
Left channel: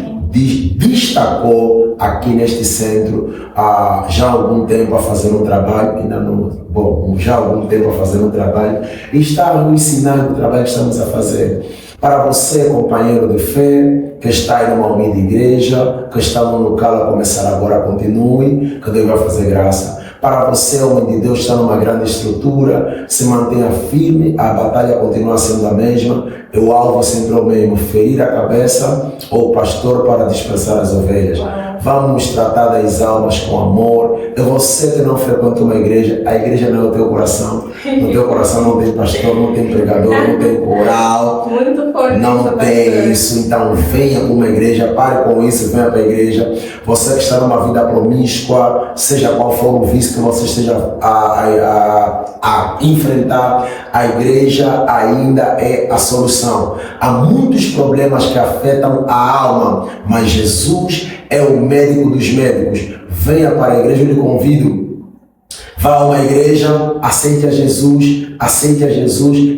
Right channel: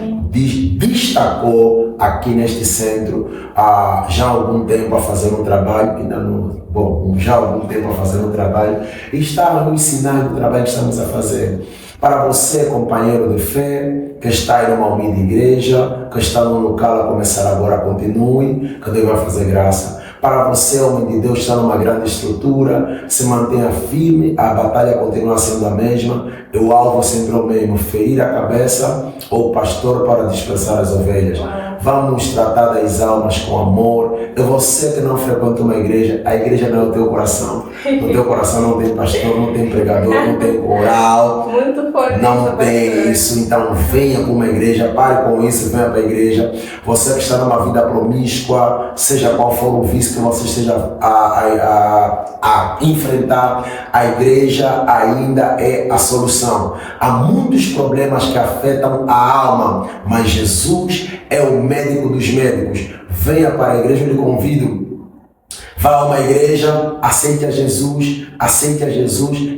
destacou aqui neste centro há já algum tempo a fazer um trabalho, já há algum tempo a fazer um trabalho, e está nos ensinando o trabalho que estamos a fazer. Para você, companheiro de fé, que está aí numa humilde igreja, que está no local a começar agora, continue, que Deus vai fazer graça. Para você, homem de Deus, está numa grande estrutura, se mantenha firme, a batalha continua sendo a mesma, o alvo é sempre o mesmo, ferir a cabeça ou o pastor para dispersar as ovelhas. Vamos tratar das almas com amor. E você que não frequenta uma igreja, a igreja não é o teu coração. No teu coração não tem pastor, não tem pregador, não tem coral. Muito forte. Não tem isso. Então venha para uma igreja, pare com isso, venha para a igreja. Você que está numa vida promíscua, seja qual for o vício que você esteja a enfrentar, a igreja ainda é a solução. Há muitos problemas que afetam a alma, mas Jesus é o médico dos médicos. Venha para a igreja, eu lhe convido. Vá a uma igreja, aceite a Jesus,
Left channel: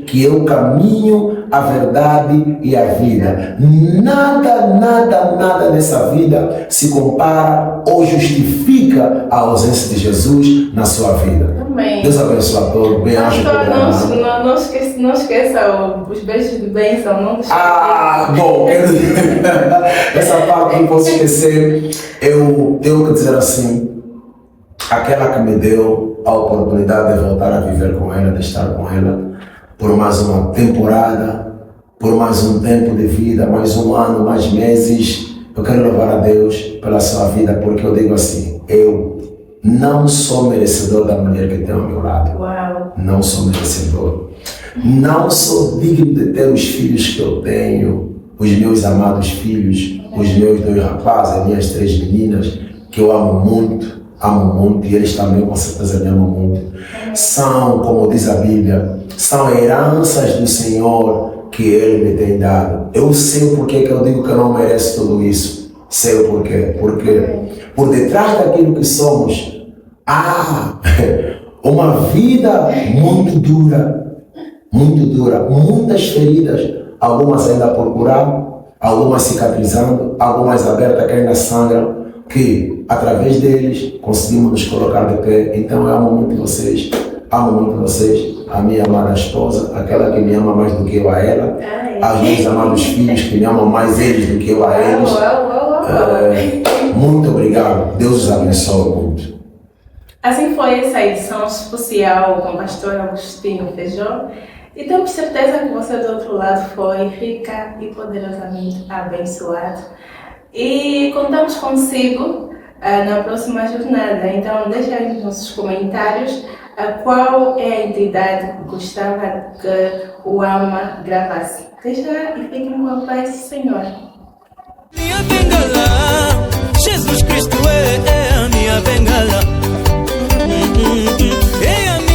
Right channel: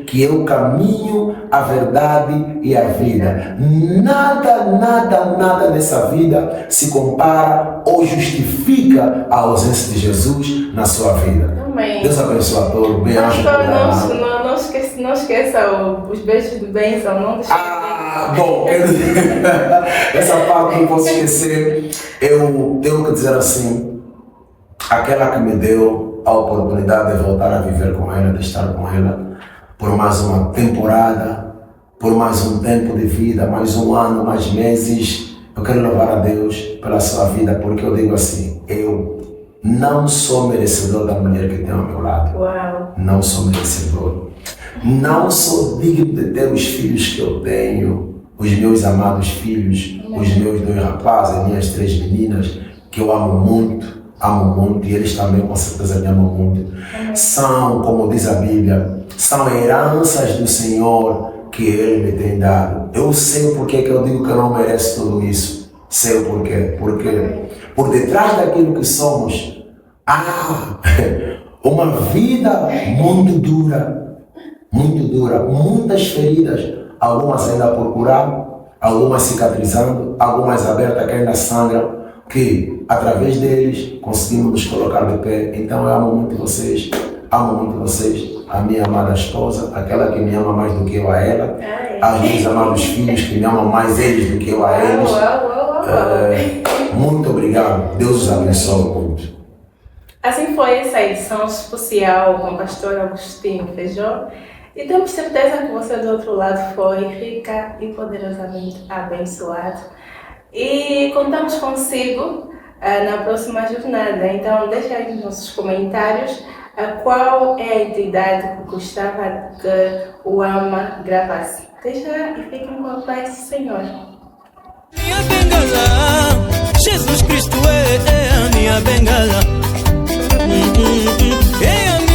que é o caminho, a verdade e a vida. Nada nessa vida se compara ou justifica a ausência de Jesus na sua vida. Amém. Deus abençoe a todos. Bem-aja. Não esqueça os beijos de bênção. Não deixe. Bom, essa parte não posso esquecer. Eu tenho que dizer assim, aquela que me deu a oportunidade de voltar a viver com ela, de estar com ela por mais uma temporada, por mais um tempo de vida, mais um ano, mais meses. Eu quero louvar a Deus pela sua vida, porque eu digo assim, eu não sou merecedor da mulher que tenho ao meu lado. Uau. Não sou merecedor. Não sou digno de ter os filhos que eu tenho, os meus amados filhos, os meus 2 rapazes, as minhas 3 meninas, que eu amo muito, e eles também com certeza me amam muito. São, como diz a Bíblia, são heranças do Senhor que Ele me tem dado. Eu sei o porquê que eu digo que eu não mereço tudo isso. Sei o porquê. Porque por detrás daquilo que somos, há uma vida muito dura, muitas feridas, algumas ainda por curar, algumas cicatrizando, algumas abertas que ainda sangram, que através deles conseguimos nos colocar de pé. Então eu amo muito vocês, a minha amada esposa, aquela que me ama mais do que eu a ela, aos meus amados filhos que me amam mais eles do que eu a eles. Muito obrigado, Deus os abençoe muito. Assim foi essa edição especial com o pastor Agostinho Feijó, e temos certeza que você do outro lado foi rica e poderosamente abençoado. E contamos consigo na próxima jornada. Então deixa aí nos comentários qual é a entidade que gostava que o Alma gravasse. Deixa e fiquem com a paz do Senhor. Minha bengala, Jesus Cristo é a minha bengala. É a minha